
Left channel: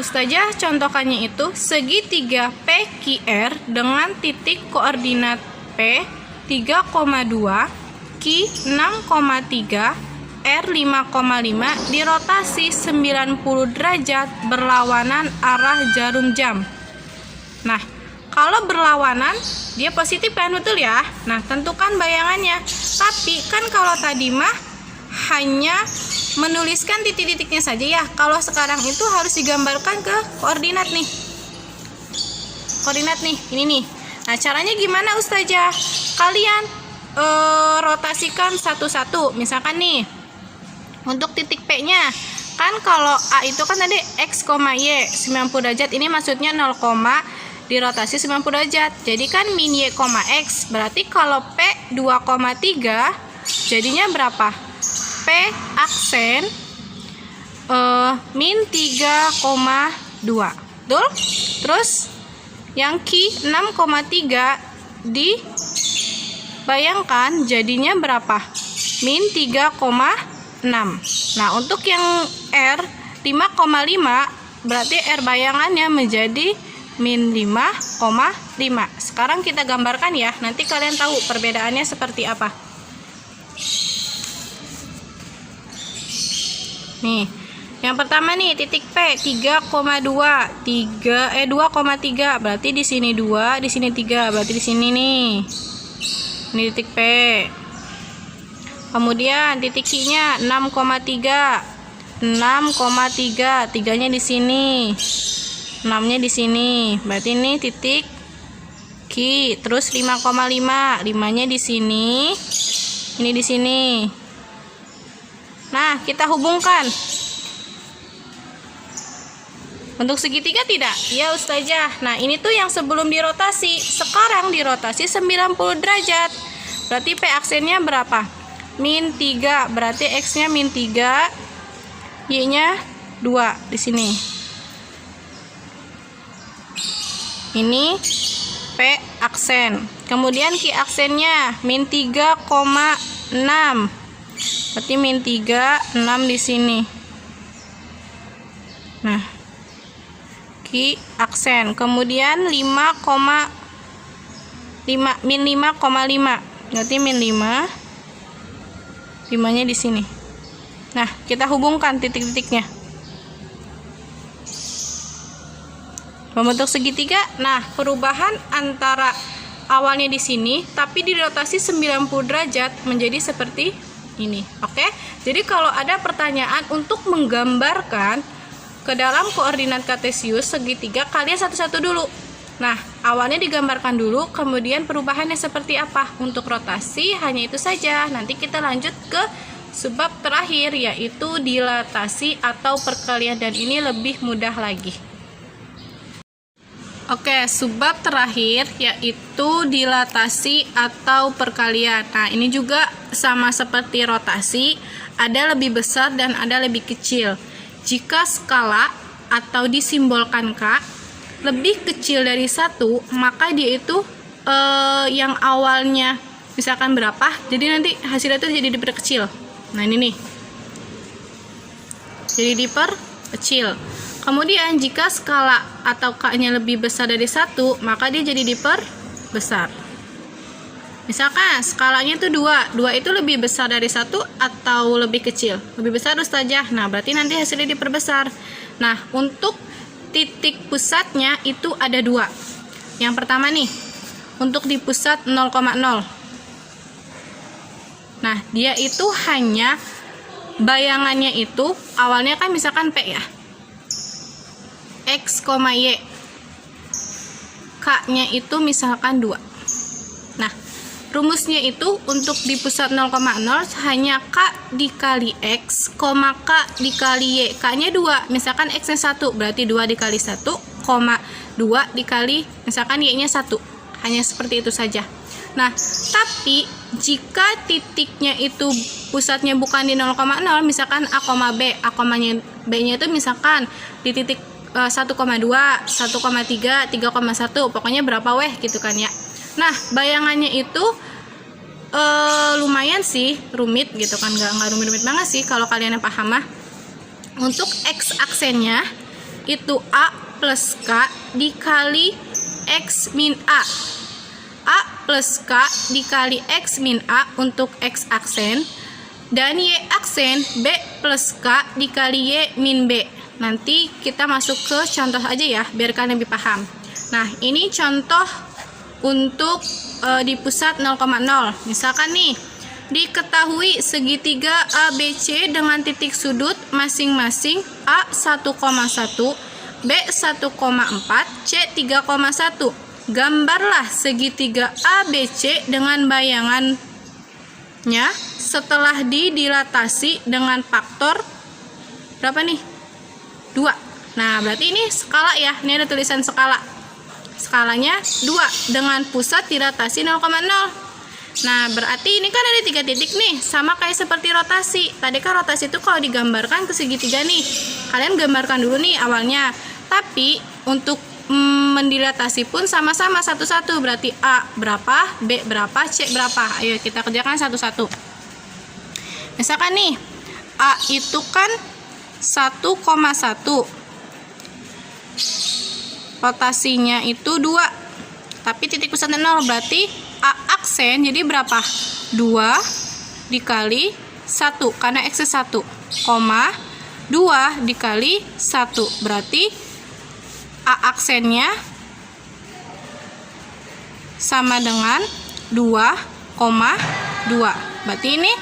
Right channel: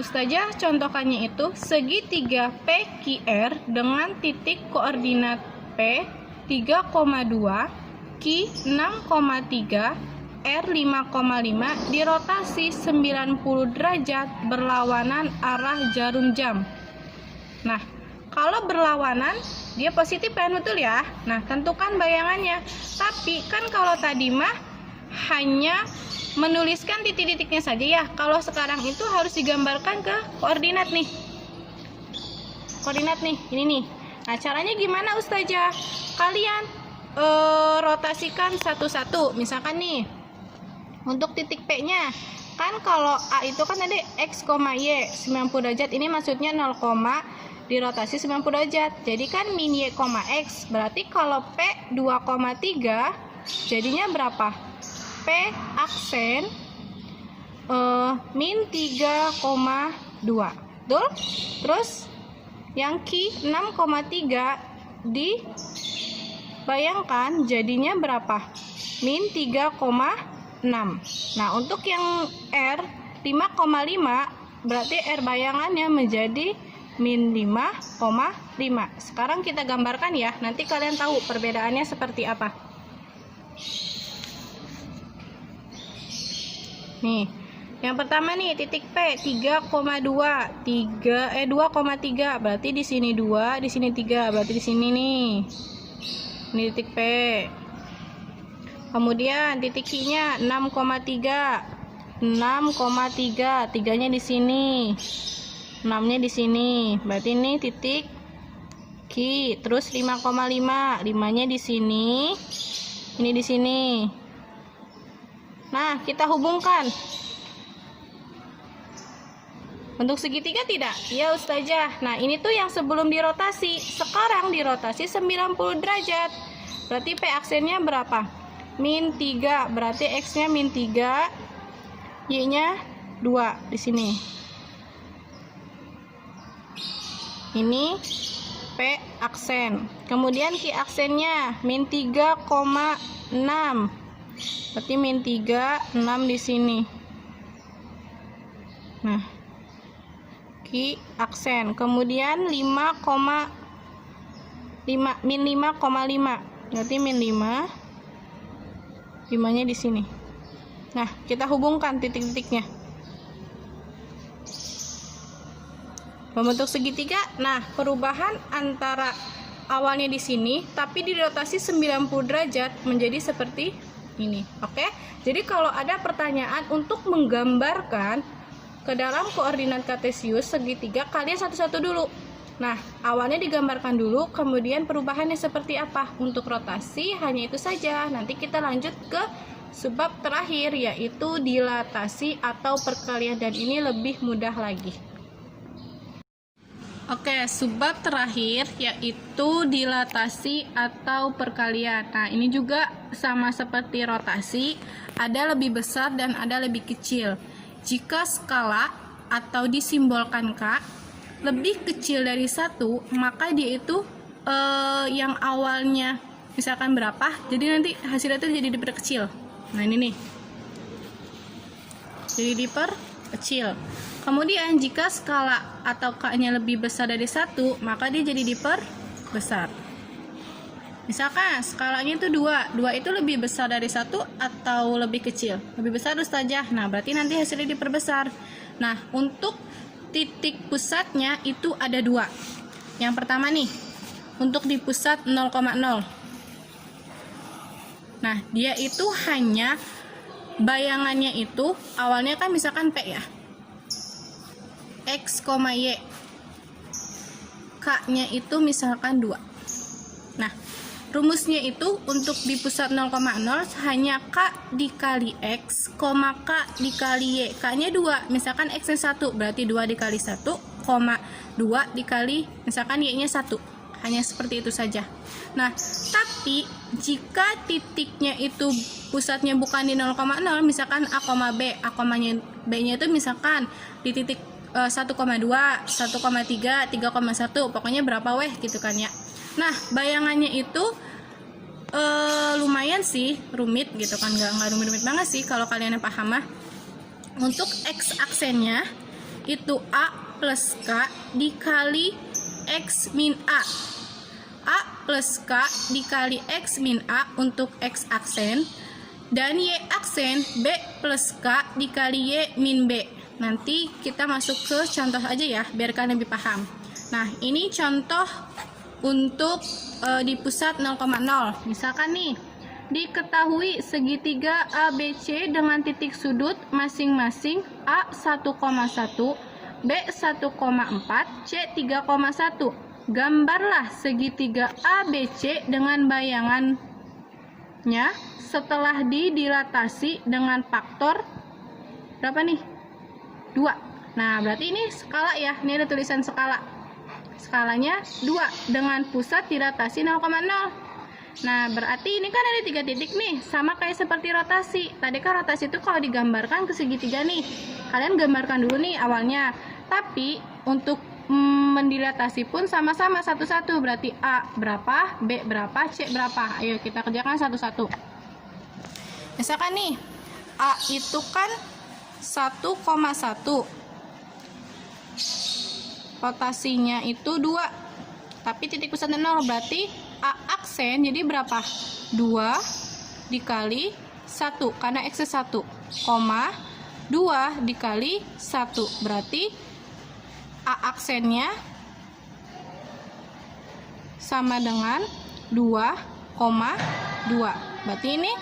Ustazah contohkannya itu segitiga PQR dengan titik koordinat P 3,2, Q 6,3, R 5,5 dirotasi 90 derajat berlawanan arah jarum jam. Nah, kalau berlawanan dia positif kan, betul ya? Nah, tentukan bayangannya. Tapi kan kalau tadi mah hanya menuliskan titik-titiknya saja ya. Kalau sekarang itu harus digambarkan ke koordinat nih. Koordinat nih, ini nih. Nah, caranya gimana Ustazah? Kalian rotasikan satu-satu. Misalkan nih, untuk titik P-nya, kan kalau A itu kan tadi X, Y 90 derajat. Ini maksudnya 0, dirotasi 90 derajat. Jadi kan min Y, X. Berarti kalau P 2,3 jadinya berapa? P aksen min 3,2. Betul? Terus yang Q 6,3 dibayangkan jadinya berapa? Min 3,6. Nah, untuk yang R 5,5 berarti R bayangannya menjadi min 5,5. Sekarang kita gambarkan ya, nanti kalian tahu perbedaannya seperti apa. Nih, yang pertama nih titik P 3,2, 2,3 berarti di sini 2, di sini 3, berarti di sini nih. Ini titik P. Kemudian titik Q-nya 6,3. 6,3, 3-nya di sini. 6-nya di sini. Berarti ini titik Q. Terus 5,5. 5-nya di sini. Ini di sini. Nah, kita hubungkan. Untuk segitiga tidak? Ya, Ustazah. Nah, ini tuh yang sebelum dirotasi. Sekarang dirotasi 90 derajat. Berarti P aksennya berapa? min 3. Berarti X-nya min 3, Y-nya 2 di sini. Ini P aksen. Kemudian Q aksennya min 3,6. Berarti min 3, 6 di sini. Nah, Q aksen. Kemudian 5,5 min 5,5. Berarti min 5. 5-nya di sini. Nah, kita hubungkan titik-titiknya. Membentuk segitiga. Nah, perubahan antara awalnya di sini tapi dirotasi 90 derajat menjadi seperti ini. Oke? Jadi kalau ada pertanyaan untuk menggambarkan ke dalam koordinat kartesius segitiga, kalian satu-satu dulu. Nah, awalnya digambarkan dulu, kemudian perubahannya seperti apa. Untuk rotasi hanya itu saja. Nanti kita lanjut ke sebab terakhir, yaitu dilatasi atau perkalian, dan ini lebih mudah lagi. Oke, subbab terakhir yaitu dilatasi atau perkalian. Nah, ini juga sama seperti rotasi, ada lebih besar dan ada lebih kecil. Jika skala atau disimbolkan K lebih kecil dari 1, maka dia itu yang awalnya misalkan berapa, jadi nanti hasilnya itu jadi diperkecil. Nah, ini nih. Jadi diperkecil. Kemudian jika skala atau K-nya lebih besar dari 1, maka dia jadi diperbesar. Misalkan skalanya itu 2. 2 itu lebih besar dari 1 atau lebih kecil? Lebih besar, Ustazah. Nah, berarti nanti hasilnya diperbesar. Nah, untuk titik pusatnya itu ada 2. Yang pertama nih, untuk di pusat 0,0. Nah, dia itu hanya bayangannya itu awalnya kan misalkan P ya. X, Y. K-nya itu misalkan 2. Nah, rumusnya itu untuk di pusat 0,0 hanya K dikali X, K dikali Y. K-nya 2, misalkan X-nya 1, berarti 2 dikali 1, 2 dikali misalkan Y-nya 1. Hanya seperti itu saja. Nah, tapi jika titiknya itu pusatnya bukan di 0,0, misalkan A, B. A, B-nya itu misalkan di titik 1,2, 1,3, 3,1, pokoknya berapa weh gitu kan ya. Nah, bayangannya itu lumayan sih rumit gitu kan, nggak rumit-rumit banget sih kalau kalian yang paham mah. Untuk X aksennya itu A plus K dikali X min A. A plus K dikali X min A untuk X aksen, dan Y aksen B plus K dikali Y min B. Nanti kita masuk ke contoh aja ya, biar kalian lebih paham. Nah, ini contoh untuk di pusat 0,0. Misalkan nih, diketahui segitiga ABC dengan titik sudut masing-masing A 1,1, B 1,4, C 3,1. Gambarlah segitiga ABC dengan bayangannya setelah didilatasi dengan faktor berapa nih? 2. Nah, berarti ini skala ya. Ini ada tulisan skala. Skalanya 2 dengan pusat dilatasi 0,0. Nah, berarti ini kan ada 3 titik nih, sama kayak seperti rotasi. Tadi kan rotasi itu kalau digambarkan ke segitiga nih. Kalian gambarkan dulu nih awalnya. Tapi untuk mendilatasi pun sama-sama satu-satu. Berarti A berapa, B berapa, C berapa. Ayo kita kerjakan satu-satu. Misalkan nih, A itu kan 1,1, rotasinya itu 2, tapi titik pusatnya 0, berarti A aksen jadi berapa? 2 dikali 1, karena X 1, 2 dikali 1, berarti A aksennya sama dengan 2,2. Berarti ini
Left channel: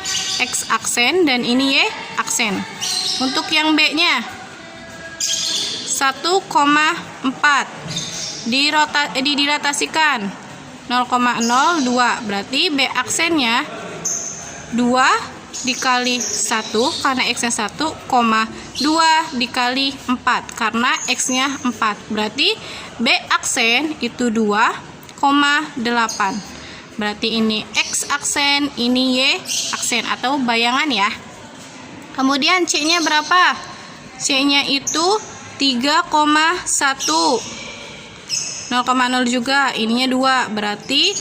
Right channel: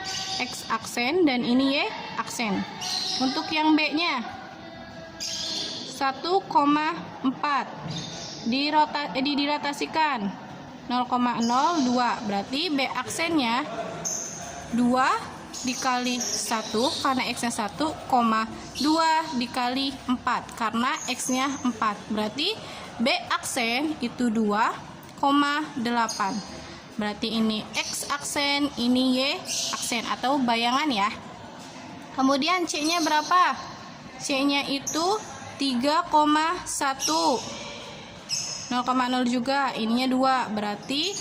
X aksen dan ini Y aksen. Untuk yang B-nya 1,4 didilatasikan 0,02, berarti B aksennya 2 dikali 1 karena X-nya 1, 2 dikali 4 karena X-nya 4. Berarti B aksen itu 2,8. Berarti ini X aksen, ini Y aksen. aksen atau bayangan ya. Kemudian C-nya berapa? C-nya itu 3,1. 0,0 juga, ininya 2. Berarti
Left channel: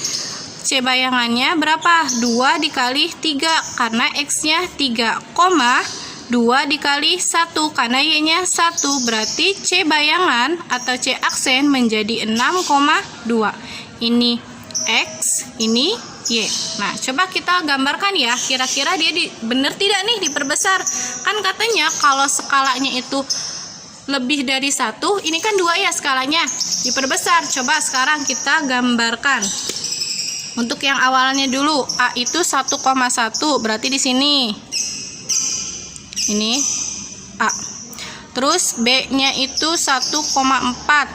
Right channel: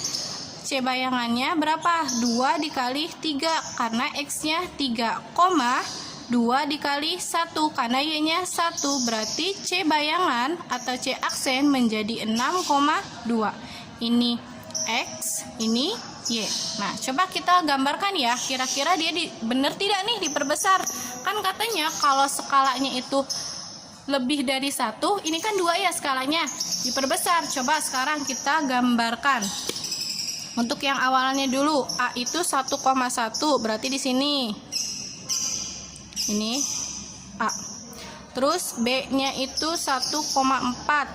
C bayangannya berapa? 2 dikali 3 karena X-nya 3, 2 dikali 1 karena Y-nya 1. Berarti C bayangan atau C aksen menjadi 6,2. Ini X, ini Y. Nah, coba kita gambarkan ya. Kira-kira dia benar tidak nih diperbesar? Kan katanya kalau skalanya itu lebih dari 1, ini kan 2 ya skalanya. Diperbesar. Coba sekarang kita gambarkan. Untuk yang awalnya dulu, A itu 1,1, berarti di sini. Ini A. Terus B-nya itu 1,4.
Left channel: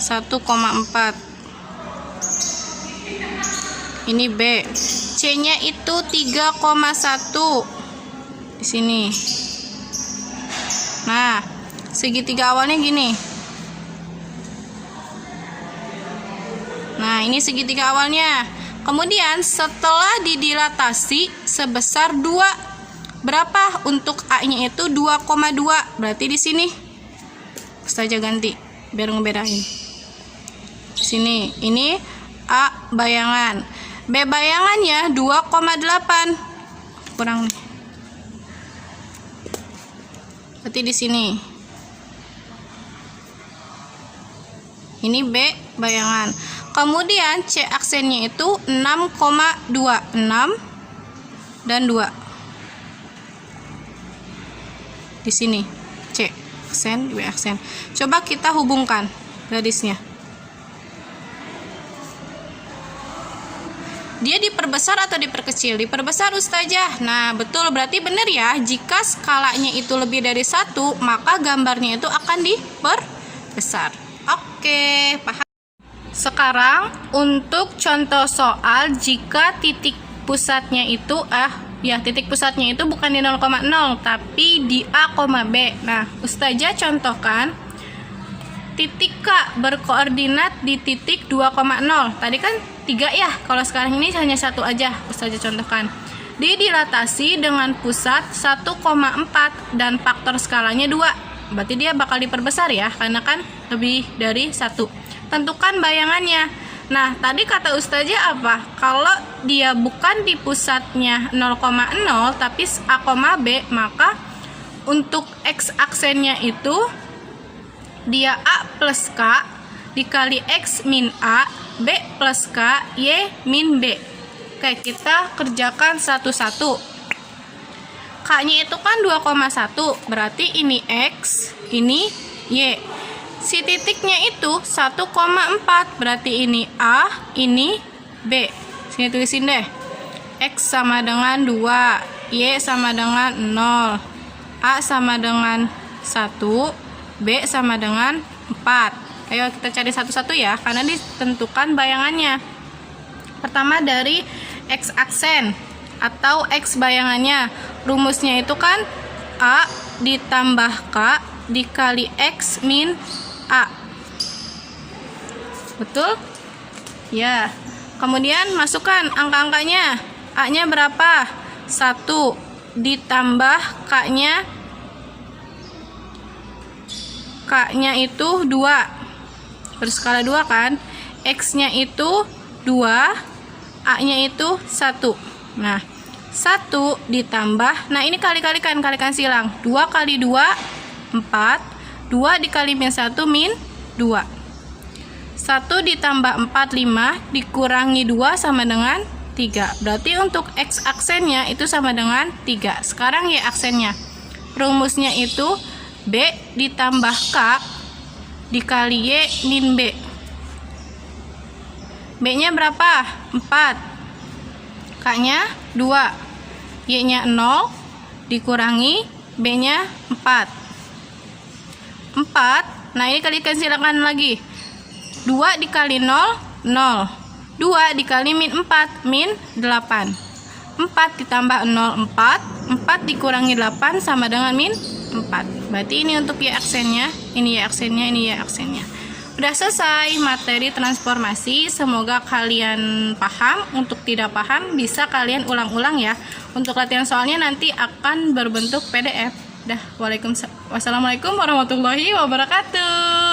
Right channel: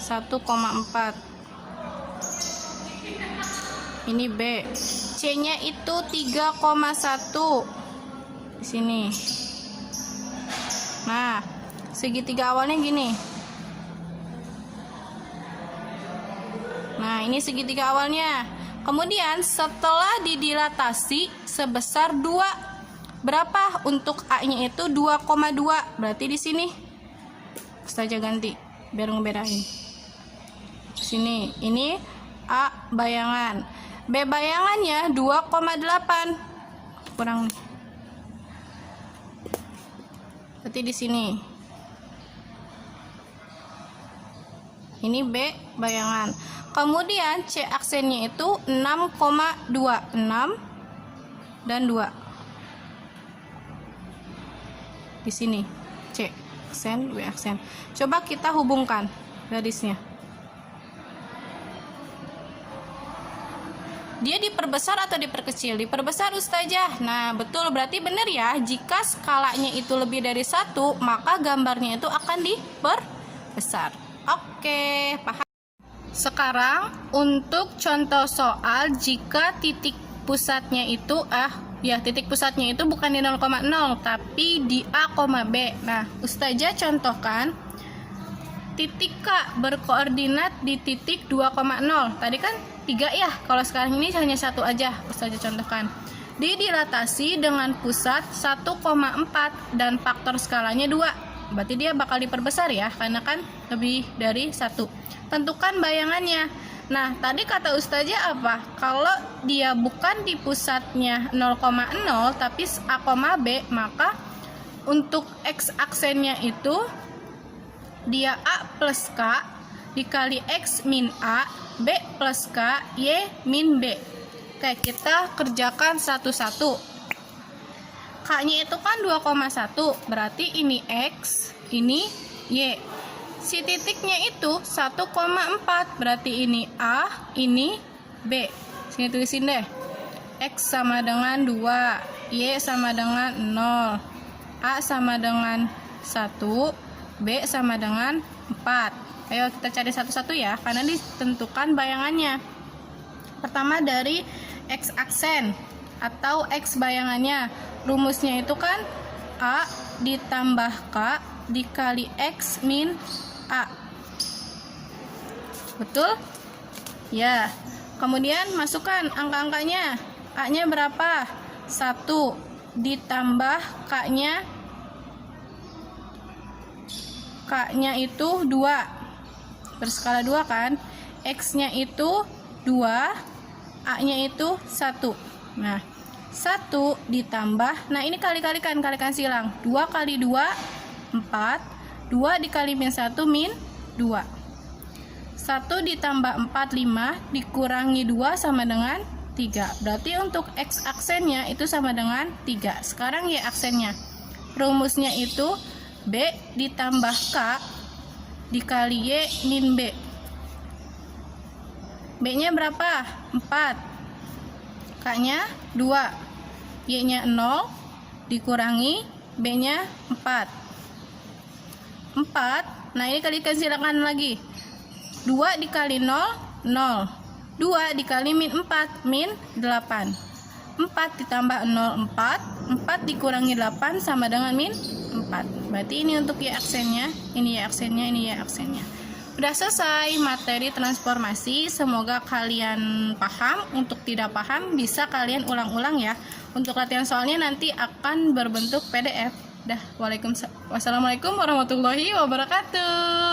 1,4. Ini B. C-nya itu 3,1 di sini. Nah, segitiga awalnya gini. Nah, ini segitiga awalnya. Kemudian setelah didilatasi sebesar 2, berapa untuk A-nya itu? 2,2. Berarti di sini. Saja ganti biar ngebedain. Sini, ini A bayangan. B bayangannya 2,8. Kurang nih. Berarti di sini. Ini B bayangan. Kemudian C aksennya itu 6,2. 6 dan 2. Di sini C aksen, B aksen. Coba kita hubungkan garisnya. Dia diperbesar atau diperkecil? Diperbesar Ustazah. Nah, betul, berarti benar ya. Jika skalanya itu lebih dari 1, maka gambarnya itu akan diperbesar. Oke, paham. Sekarang untuk contoh soal jika titik pusatnya itu titik pusatnya itu bukan di 0,0 tapi di A, B. Nah, Ustazah contohkan titik K berkoordinat di titik 2,0. Tadi kan 3 ya, kalau sekarang ini hanya 1 aja. Ustazah contohkan. Didilatasi dengan pusat 1,4 dan faktor skalanya 2. Berarti dia bakal diperbesar ya, karena kan lebih dari 1. Tentukan bayangannya. Nah, tadi kata Ustazah apa? Kalau dia bukan di pusatnya 0,0 tapi A, B, maka untuk X aksennya itu dia A plus K dikali X min A, B plus K, Y min B. Oke, kita kerjakan satu-satu. K-nya itu kan 2,1, berarti ini X, ini Y. Si titiknya itu 1,4, berarti ini A, ini B. Sini tulisin deh. X sama dengan 2, Y sama dengan 0, A sama dengan 1, B sama dengan 4. Ayo kita cari satu-satu ya, karena ditentukan bayangannya. Pertama dari X aksen atau X bayangannya. Rumusnya itu kan A ditambah K dikali X min A. Betul? Ya. Kemudian masukkan angka-angkanya. A-nya berapa? 1 ditambah K-nya. K-nya itu 2. Berskala 2 kan? X-nya itu 2, A-nya itu 1. Nah, 1 ditambah, nah ini kalikan silang. 2 kali 2, 4. 2 dikali min 1 min 2. 1 ditambah 4, 5. Dikurangi 2 sama dengan 3. Berarti untuk X aksennya itu sama dengan 3. Sekarang Y aksennya. Rumusnya itu B ditambah K dikali Y min B. B-nya berapa? 4. K-nya 2. Y-nya 0 dikurangi B-nya 4. 4. Nah, ini kalikan silakan lagi. 2 dikali 0, 0. 2 dikali min 4, min 8. 4 ditambah 0, 4. 4 dikurangi 8 sama dengan min 4. Berarti ini untuk Y aksennya, ini Y aksennya, ini Y aksennya. Udah selesai materi transformasi. Semoga kalian paham. Untuk tidak paham bisa kalian ulang-ulang ya. Untuk latihan soalnya nanti akan berbentuk PDF. Wassalamualaikum warahmatullahi wabarakatuh.